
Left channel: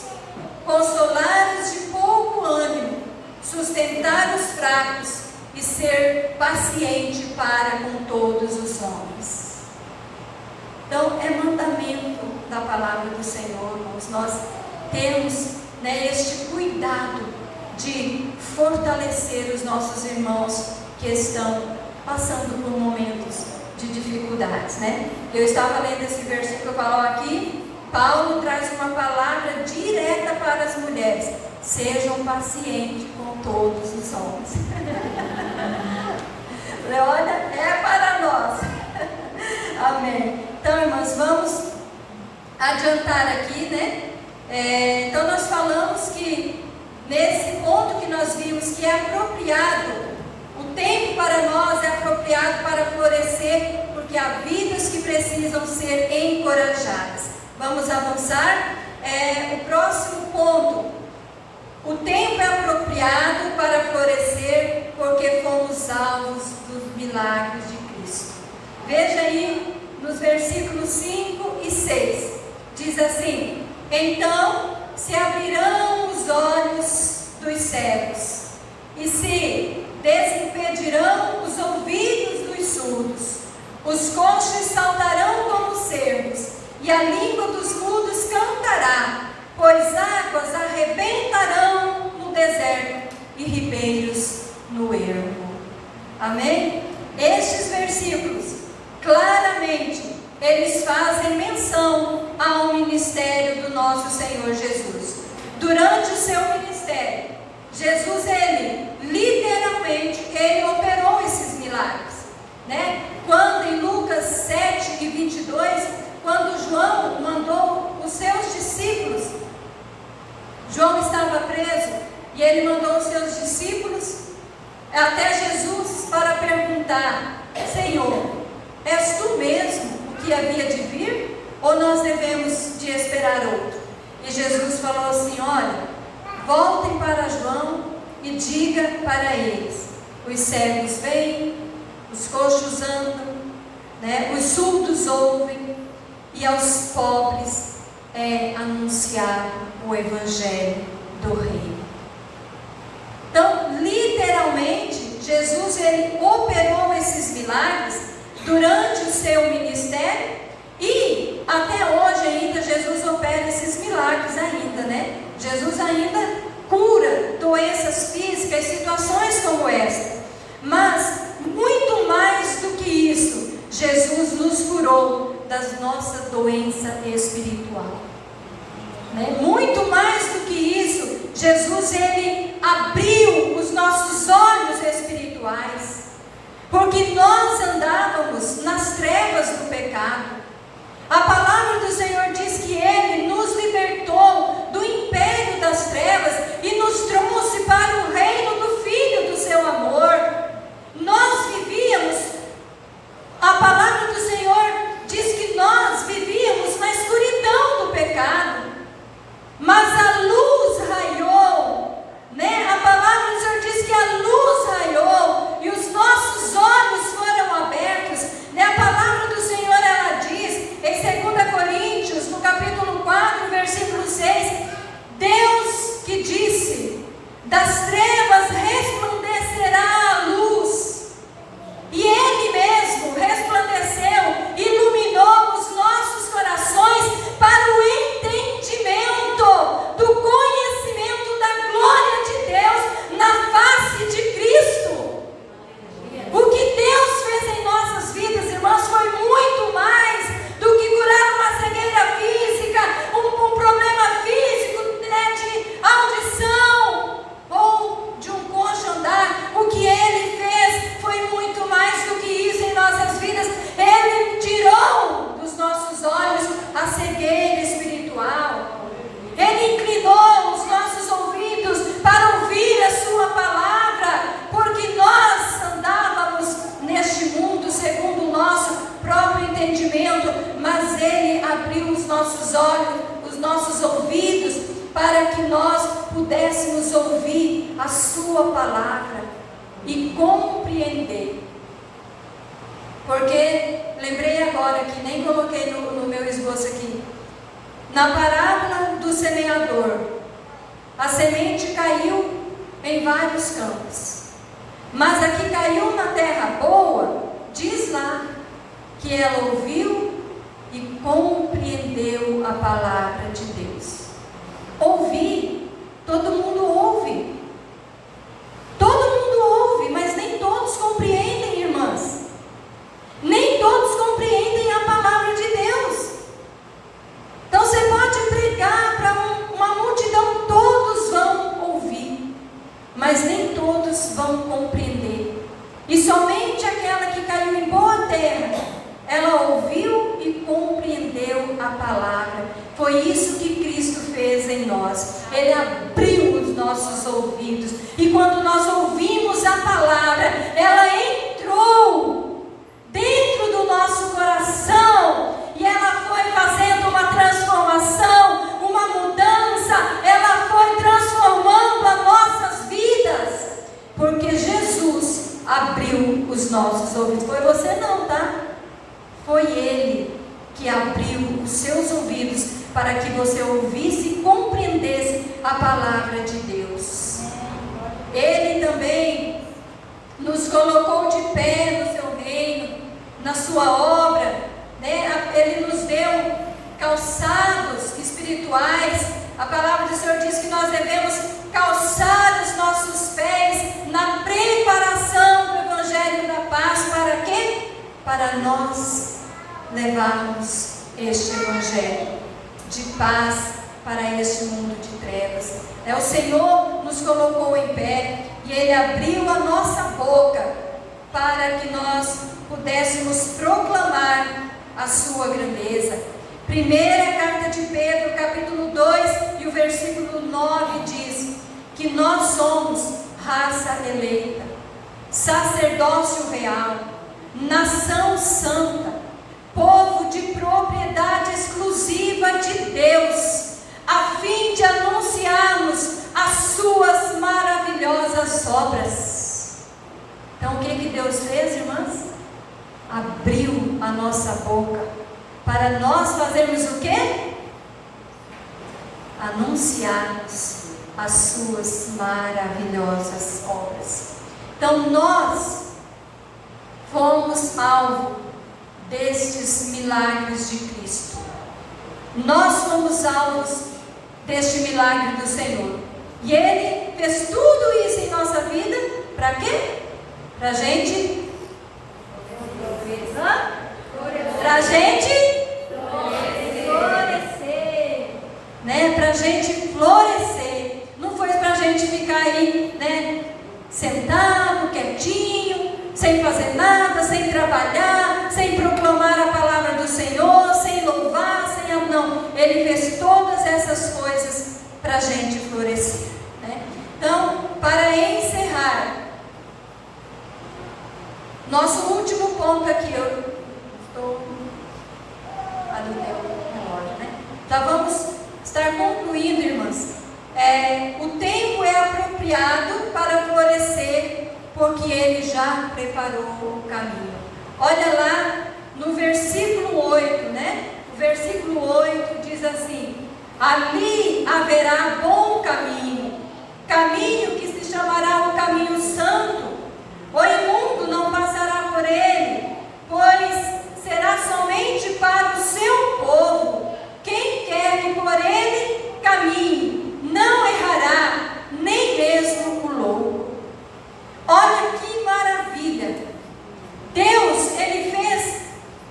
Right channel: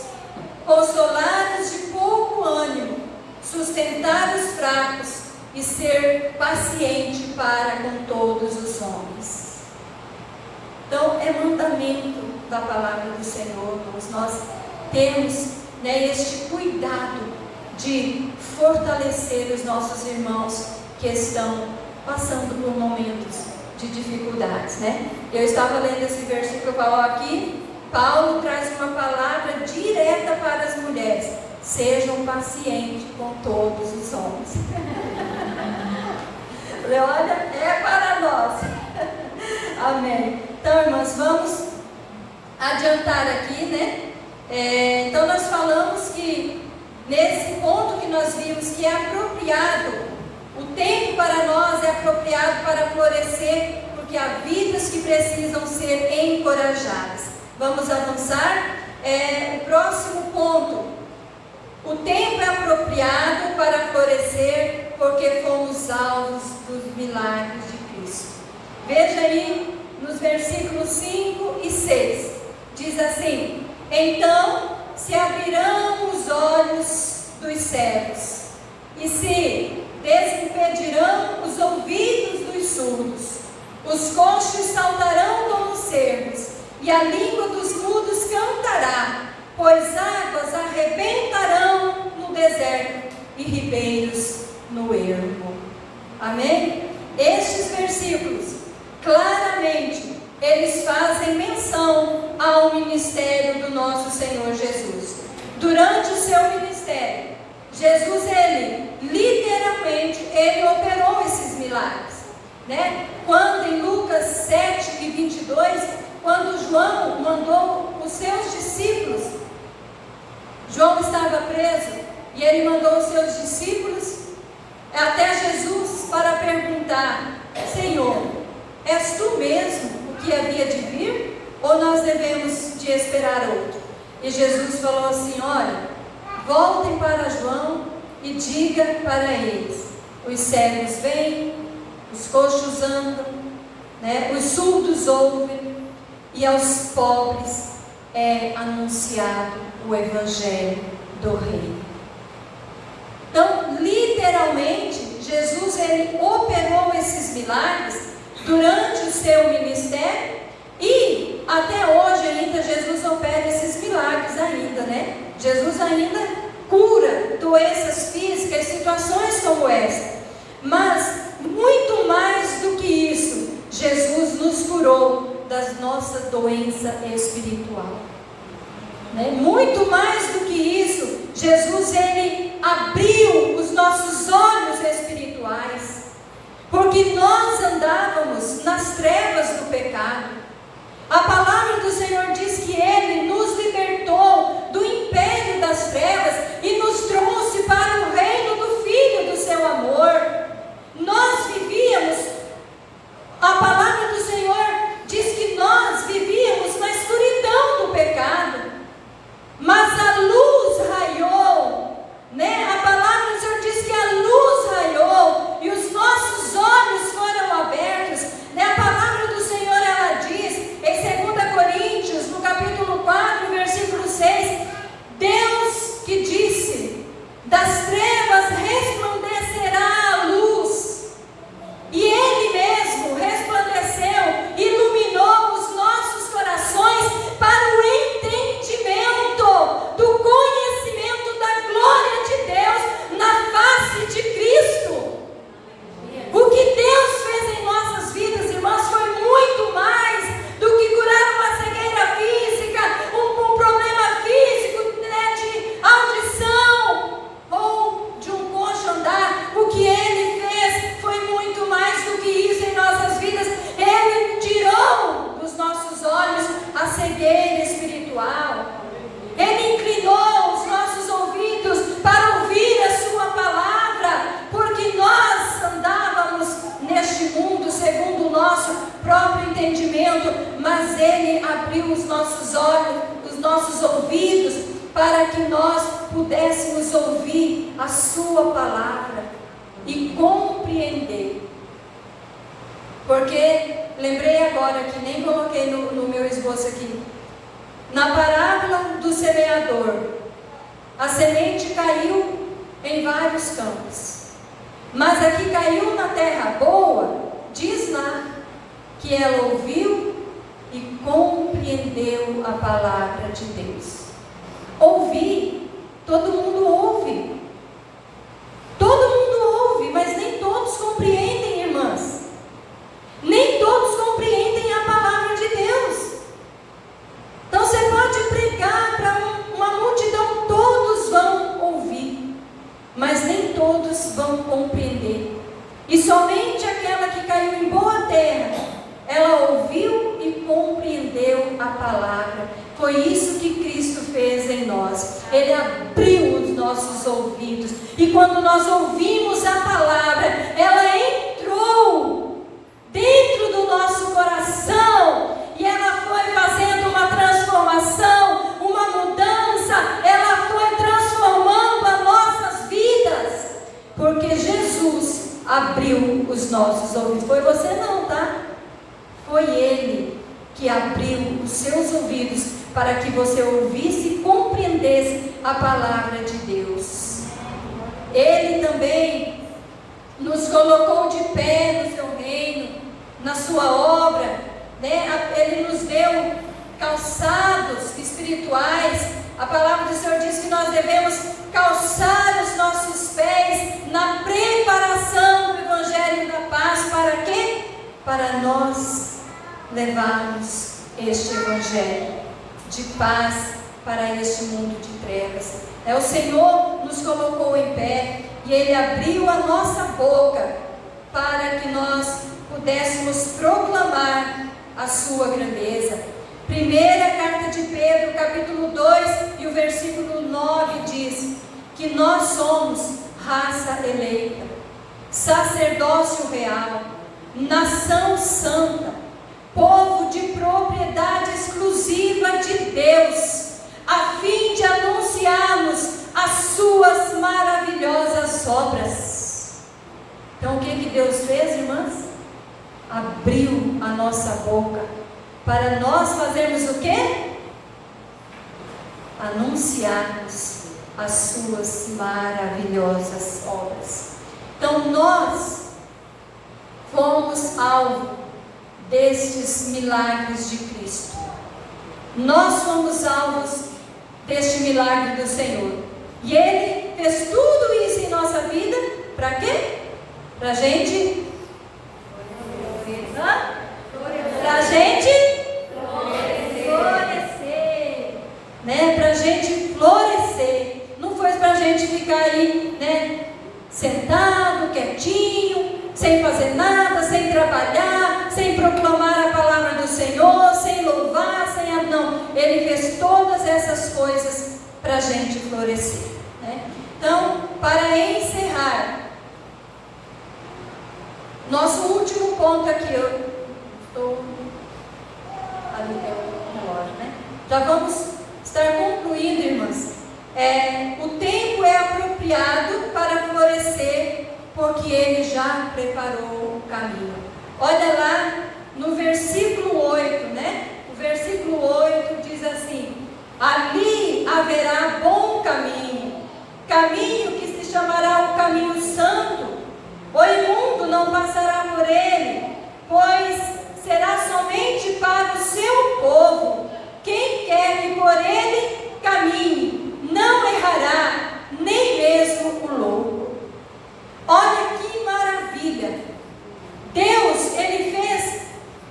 consolar os de pouco ânimo, sustentar os fracos e ser paciente para com todos os homens. Então, é mandamento da palavra do Senhor, nós temos, né, este cuidado de fortalecer os nossos irmãos que estão passando por momentos de dificuldades, né? Eu estava lendo esse versículo aqui. Paulo traz uma palavra direta para as mulheres: sejam pacientes com todos os homens. Olha, é para nós. Amém. Então, irmãos, vamos adiantar aqui, né? Então, nós falamos que nesse ponto que nós vimos que é apropriado, o tempo para nós é apropriado para florescer, porque há vidas que precisam ser encorajadas. Vamos avançar. O próximo ponto: o tempo é apropriado para florescer, porque fomos alvos dos milagres de Cristo. Veja aí nos versículos 5 e 6, diz assim: então se abrirão os olhos dos cegos, e se desimpedirão os ouvidos dos surdos, os coxos saltarão como cervos, e a língua dos mudos cantará, pois águas arrebentarão no deserto e ribeiros no ermo. Amém? Estes versículos, claramente, eles fazem menção ao ministério do nosso Senhor Jesus. Durante o seu ministério, Jesus, literalmente, ele operou esses milagres, né? Quando em Lucas 7 e 22, quando João mandou os seus discípulos, João estava preso, e ele mandou os seus discípulos até Jesus para perguntar: Senhor, és tu mesmo o que havia de vir, ou nós devemos de esperar outro? E Jesus falou assim: olha, voltem para João e diga para eles: os cegos vêm, os coxos andam, né? Os surdos ouvem, e aos pobres é anunciado o evangelho do reino. Então, literalmente, Jesus operou esses milagres durante o seu ministério, e até hoje ainda Jesus opera esses milagres ainda, né? Jesus ainda cura doenças físicas, situações como essa. Mas, muito mais do que isso, Jesus nos curou da nossa doença espiritual, né? Muito mais do que isso, Jesus, abriu os nossos olhos espirituais, porque nós andávamos nas trevas do pecado. A palavra do Senhor diz que Ele nos libertou do império das trevas e nos trouxe para o reino do Filho do seu amor. Nós vivíamos, a palavra do Senhor diz que nós vivíamos na escuridão do pecado, mas a luz raiou, né? A palavra do Senhor diz que a nossos olhos, os nossos ouvidos, para que nós pudéssemos ouvir a sua palavra e compreender. Porque, lembrei agora que nem coloquei no meu esboço aqui, na parábola do semeador, a semente caiu em vários campos, mas a que caiu na terra boa, diz lá que ela ouviu e compreendeu a palavra de Deus. Ouvir, todo mundo ouve. Todo mundo ouve, mas nem todos compreendem, irmãs. Nem todos compreendem a palavra de Deus. Então você pode pregar para uma multidão, todos vão ouvir, mas nem todos vão compreender. E somente aquela que caiu em boa terra, ela ouviu e compreendeu a palavra. Foi isso que Cristo fez em nós. Ele abriu os nossos ouvidos. E quando nós ouvimos a palavra, ela entrou dentro do nosso coração. E ela foi fazendo uma transformação, uma mudança. Ela foi transformando as nossas vidas. Porque Jesus abriu os nossos ouvidos. Foi você não, tá? Foi Ele que abriu os seus ouvidos para que você ouvisse e compreendesse a palavra de Deus. Ele também nos colocou de pé no seu reino, na sua obra, né? Ele nos deu calçados espirituais. A palavra do Senhor diz que nós devemos calçar os nossos pés na preparação do Evangelho da Paz. Para quê? Para nós levarmos este Evangelho de paz para este mundo de trevas. O Senhor nos colocou em pé e Ele abriu a nossa boca para que nós pudéssemos proclamar a sua grandeza. Primeira carta de Pedro, capítulo 2 e o versículo 9 diz que nós somos raça eleita, sacerdócio real, nação santa, povo de propriedade exclusiva de Deus, a fim de anunciarmos as suas maravilhosas obras. Então o que Deus fez, irmãs? Abriu a nossa boca para nós fazermos o quê? Anunciarmos as suas maravilhosas obras. Então nós fomos alvo destes milagres de Cristo. Nós fomos alvos deste milagre do Senhor. E Ele fez tudo isso em nossa vida, para quê? Para a gente florescer, né? Para a gente florescer. Não foi para a gente ficar aí, né? Sentado, quietinho, sem fazer nada, sem trabalhar, sem proclamar a palavra do Senhor, sem louvar, não. Ele fez todas essas coisas para a gente florescer, né? Então, para encerrar, nosso último ponto aqui, eu estou ali é o relógio, né? Já vamos estar concluindo, irmãs. O tempo é apropriado para florescer, porque Ele já preparou o caminho. Olha lá no versículo 8, né? O versículo 8 diz assim: ali haverá bom caminho, caminho que se chamará o caminho santo. O imundo não passará por ele, pois será somente para o seu povo. Quem quer que por ele caminhe, não errará, nem mesmo o louco. Olha que maravilha! Deus, Ele fez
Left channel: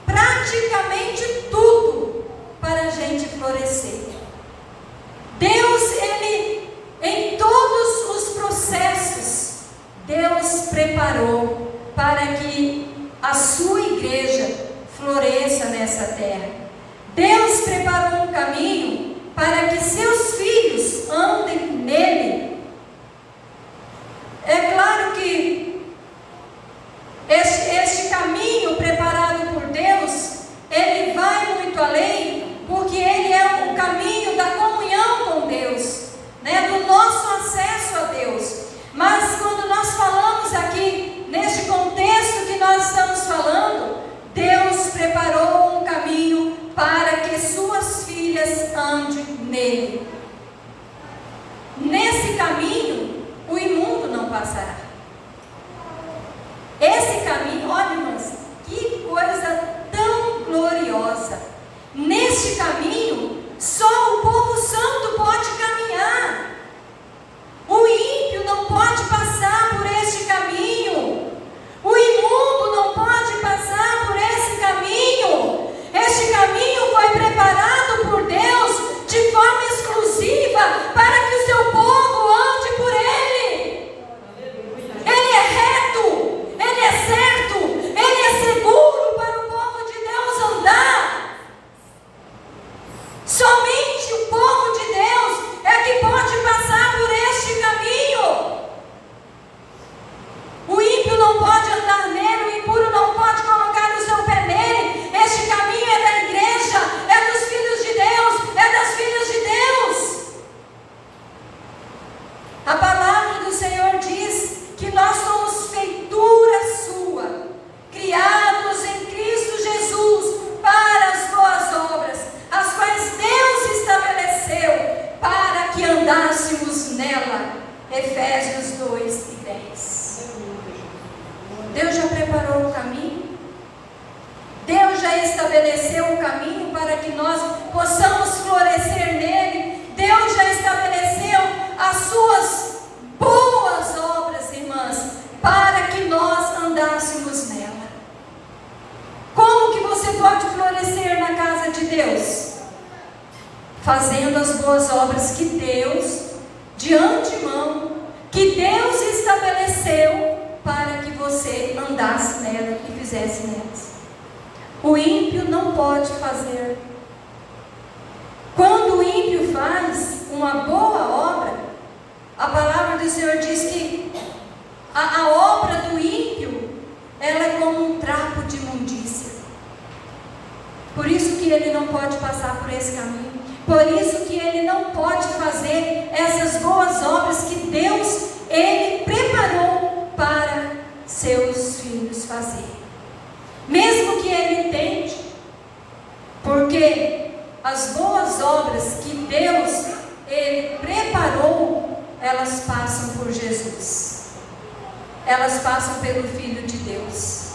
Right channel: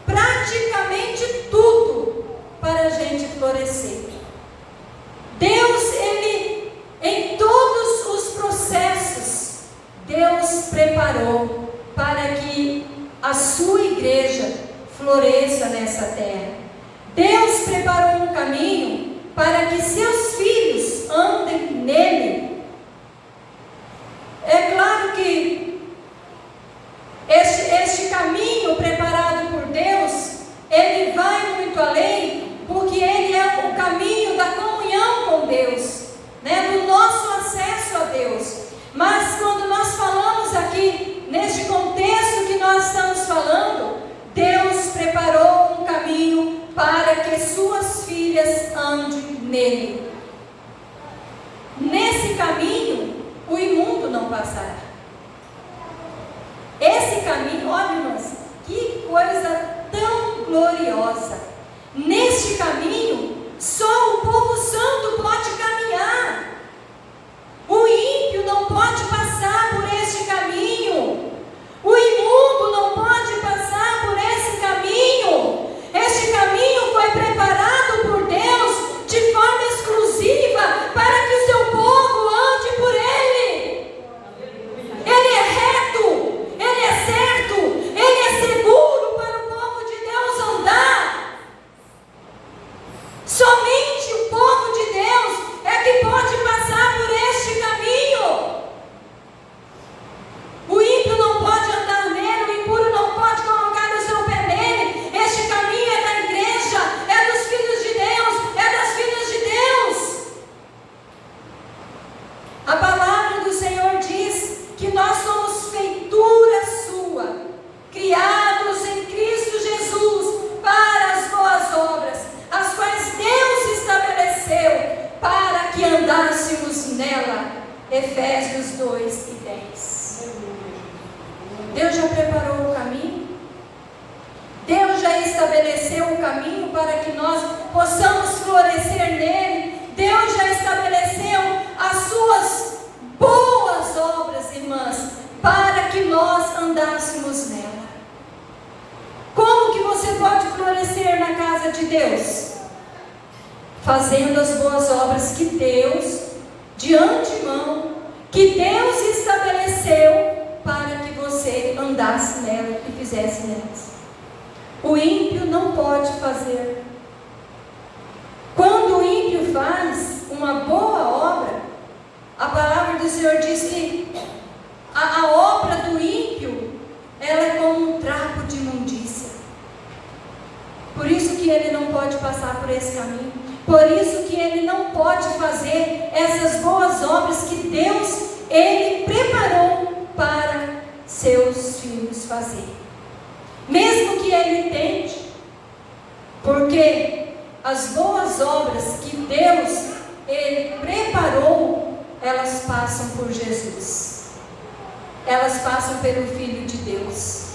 praticamente tudo para a gente florescer. Deus, Ele, em todos os processos, Deus preparou para que a sua igreja floresça nessa terra. Deus preparou um caminho para que seus filhos andem nele. É claro que este caminho preparado por Deus, ele vai muito além, porque ele suas filhas andem nele. Nesse caminho, o imundo não passará. Esse caminho, olha, irmãs, que coisa tão gloriosa. Neste caminho, só o povo santo pode caminhar. O ímpio não pode passar por este caminho. O imundo não pode passar por esse caminho. Este caminho foi preparado por Deus de forma exclusiva para que o seu povo ande por ele. Ele é reto, ele é certo, ele é seguro para o povo de Deus andar. Somente o povo de Deus é que pode passar por este caminho. O ímpio não pode andar nele, o impuro não pode colocar o seu pé nele. Este caminho é da igreja, é dos filhos de Deus, é das filhas de Deus. A palavra do Senhor diz que nós somos feitura sua, criados em Cristo Jesus para as boas obras, as quais Deus estabeleceu para que andássemos nela. Efésios 2:10. Deus já preparou o caminho. Deus já estabeleceu o caminho para que nós possamos florescer nele. Deus já estabeleceu as suas boas obras, irmãs, para que nós andássemos nela. Como que você pode florescer na casa de Deus? Fazendo as boas obras que Deus, de antemão, que Deus estabeleceu para que você andasse nela e fizesse nelas. O ímpio não pode fazer. Quando o ímpio faz uma boa obra, a palavra do Senhor diz que a obra do ímpio, ela é como um trapo de imundícia. Por isso que ele não pode passar por esse caminho. Por isso que ele não pode fazer essas boas obras que Deus, ele preparou para seus filhos fazerem. Mesmo que ele tente, porque as boas obras que Deus, ele preparou, elas passam por Jesus. Elas passam pelo Filho de Deus.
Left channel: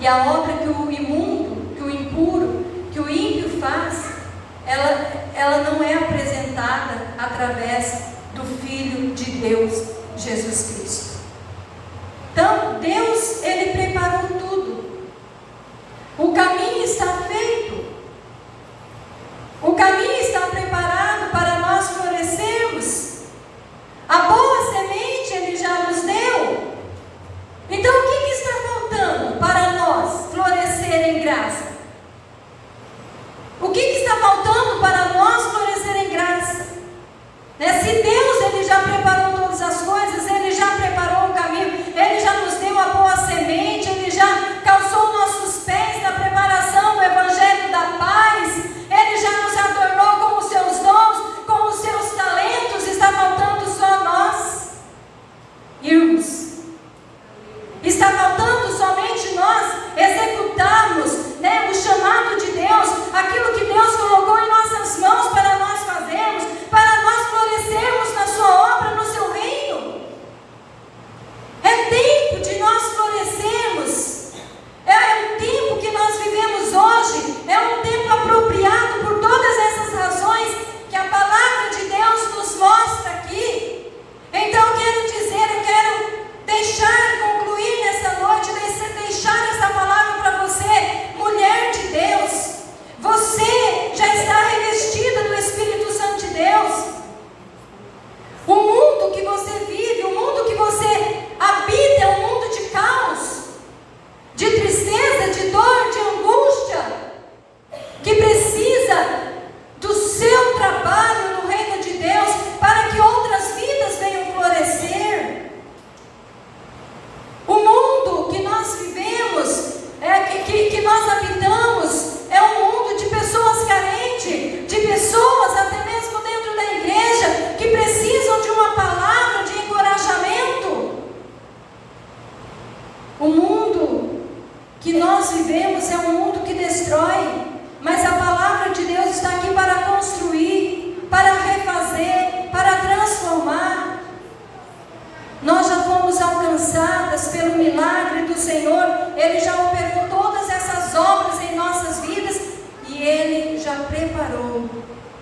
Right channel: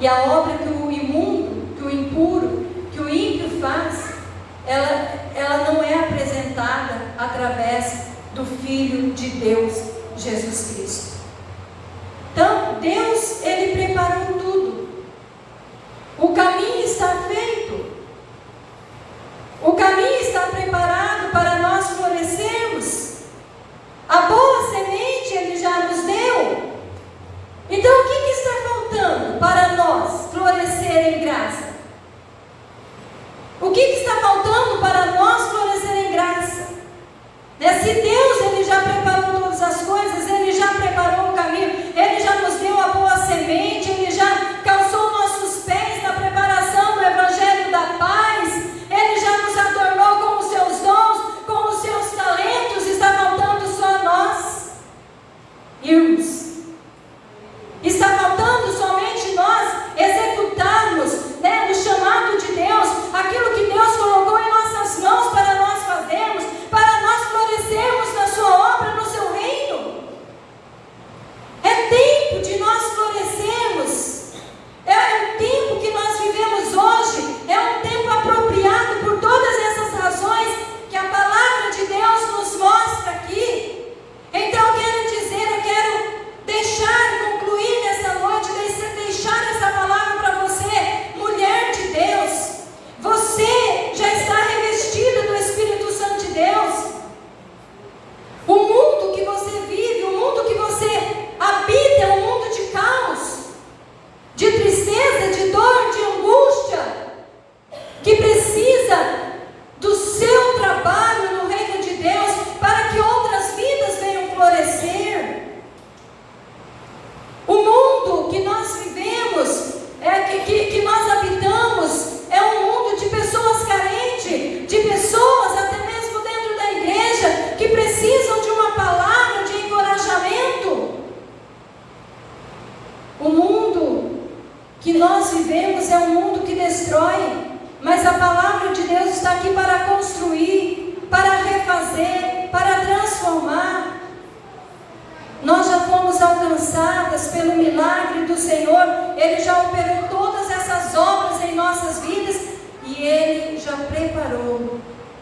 E a obra que o imundo, que o impuro, que o ímpio faz, ela não é apresentada através do Filho de Deus, Jesus Cristo. Então, Deus, ele preparou tudo. O caminho está feito. O caminho está preparado para nós florescermos. A boa semente ele já nos deu. Então, o que está faltando para nós florescer em graça? O que está faltando para nós florescer em graça? Se Deus ele já preparou todas as coisas, ele já preparou o caminho, ele já nos deu a boa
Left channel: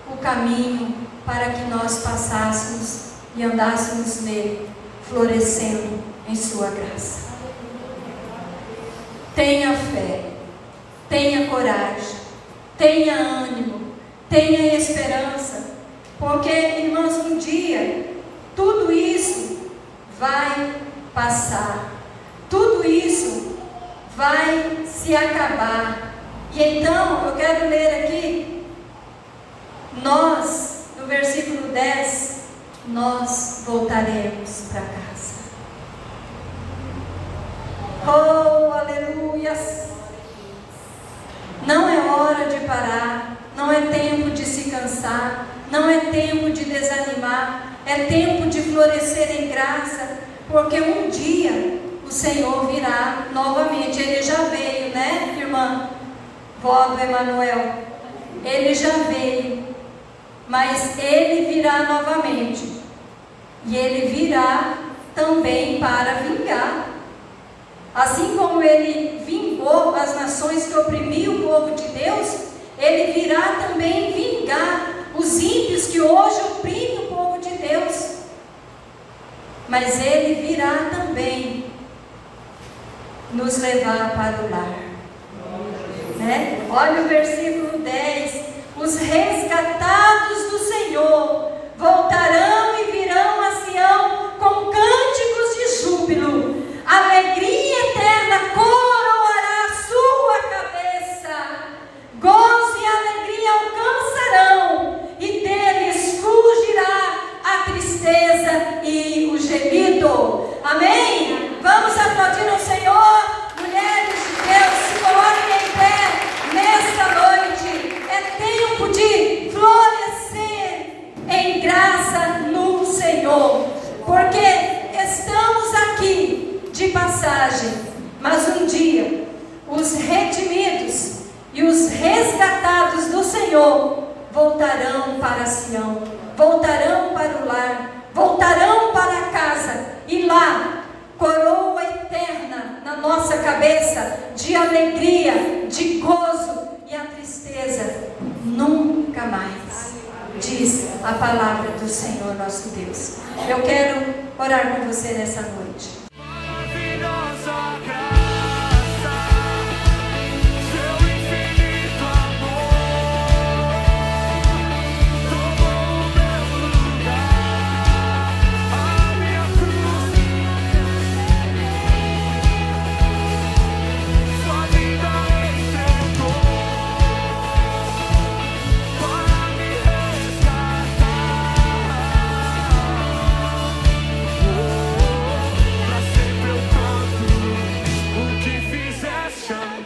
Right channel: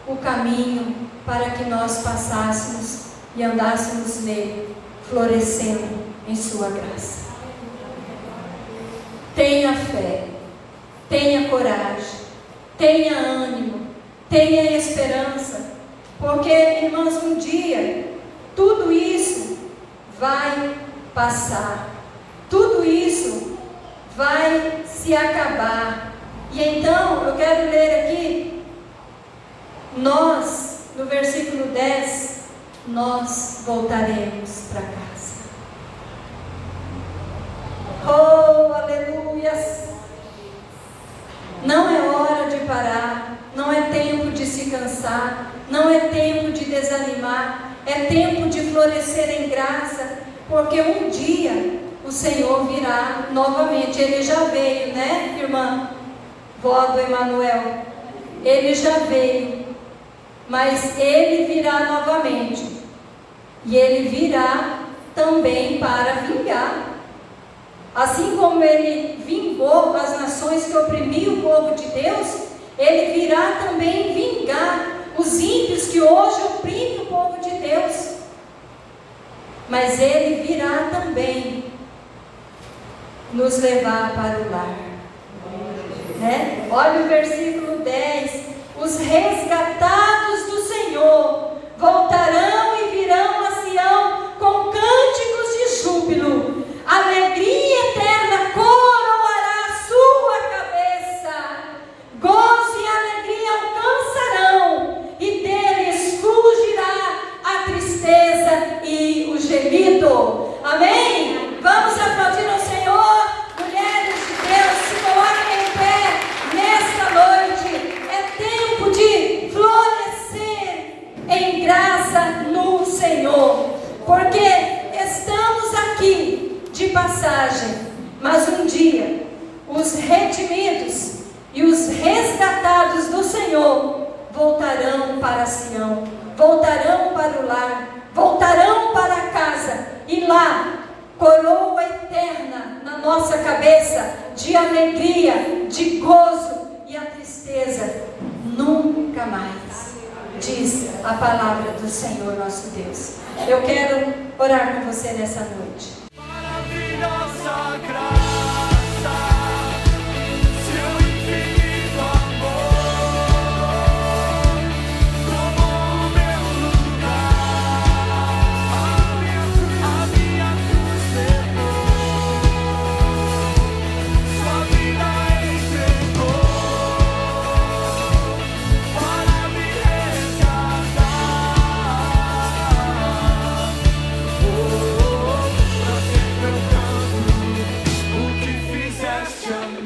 o caminho para que nós passássemos e andássemos nele, florescendo em sua graça. Tenha fé, tenha coragem, tenha ânimo, tenha esperança, porque, irmãos, um dia tudo isso vai passar, tudo isso vai se acabar. E então eu quero ler aqui, nós, no versículo 10, nós voltaremos para casa. Oh, aleluias! Não é hora de parar, não é tempo de se cansar, não é tempo de desanimar, é tempo de florescer em graça, porque um dia o Senhor virá novamente. Ele já veio, né, irmã? Vó do Emanuel, ele já veio, mas ele virá novamente, e ele virá também para vingar. Assim como ele vingou as nações que oprimiam o povo de Deus, ele virá também vingar os ímpios que hoje oprimem o povo de Deus. Mas ele virá também nos levar para o lar. Né? Olha o versículo 10. Os resgatados do Senhor voltarão e virão a Sião com cânticos de júbilo. Alegria eterna coroará a sua cabeça. Gozo e alegria alcançarão, e deles fugirá a tristeza e o gemido. Amém? Vamos aplaudir ao Senhor. Mulheres de Deus, se coloquem em pé nesta noite. É tempo de florescer em graça no Senhor, porque estamos aqui de passagem, mas um dia os redimidos e os resgatados do Senhor voltarão para Sião, voltarão para o lar, voltarão para casa, e lá coroa eterna na nossa cabeça de alegria, de gozo, e a tristeza nunca mais, diz a palavra do Senhor nosso Deus. Eu quero orar com você nessa noite. Maravilhosa graça, seu infinito amor, tomou o meu lugar, a minha cancelou, sua vida entregou, para me resgatar. Pra sempre eu canto o que fizeste.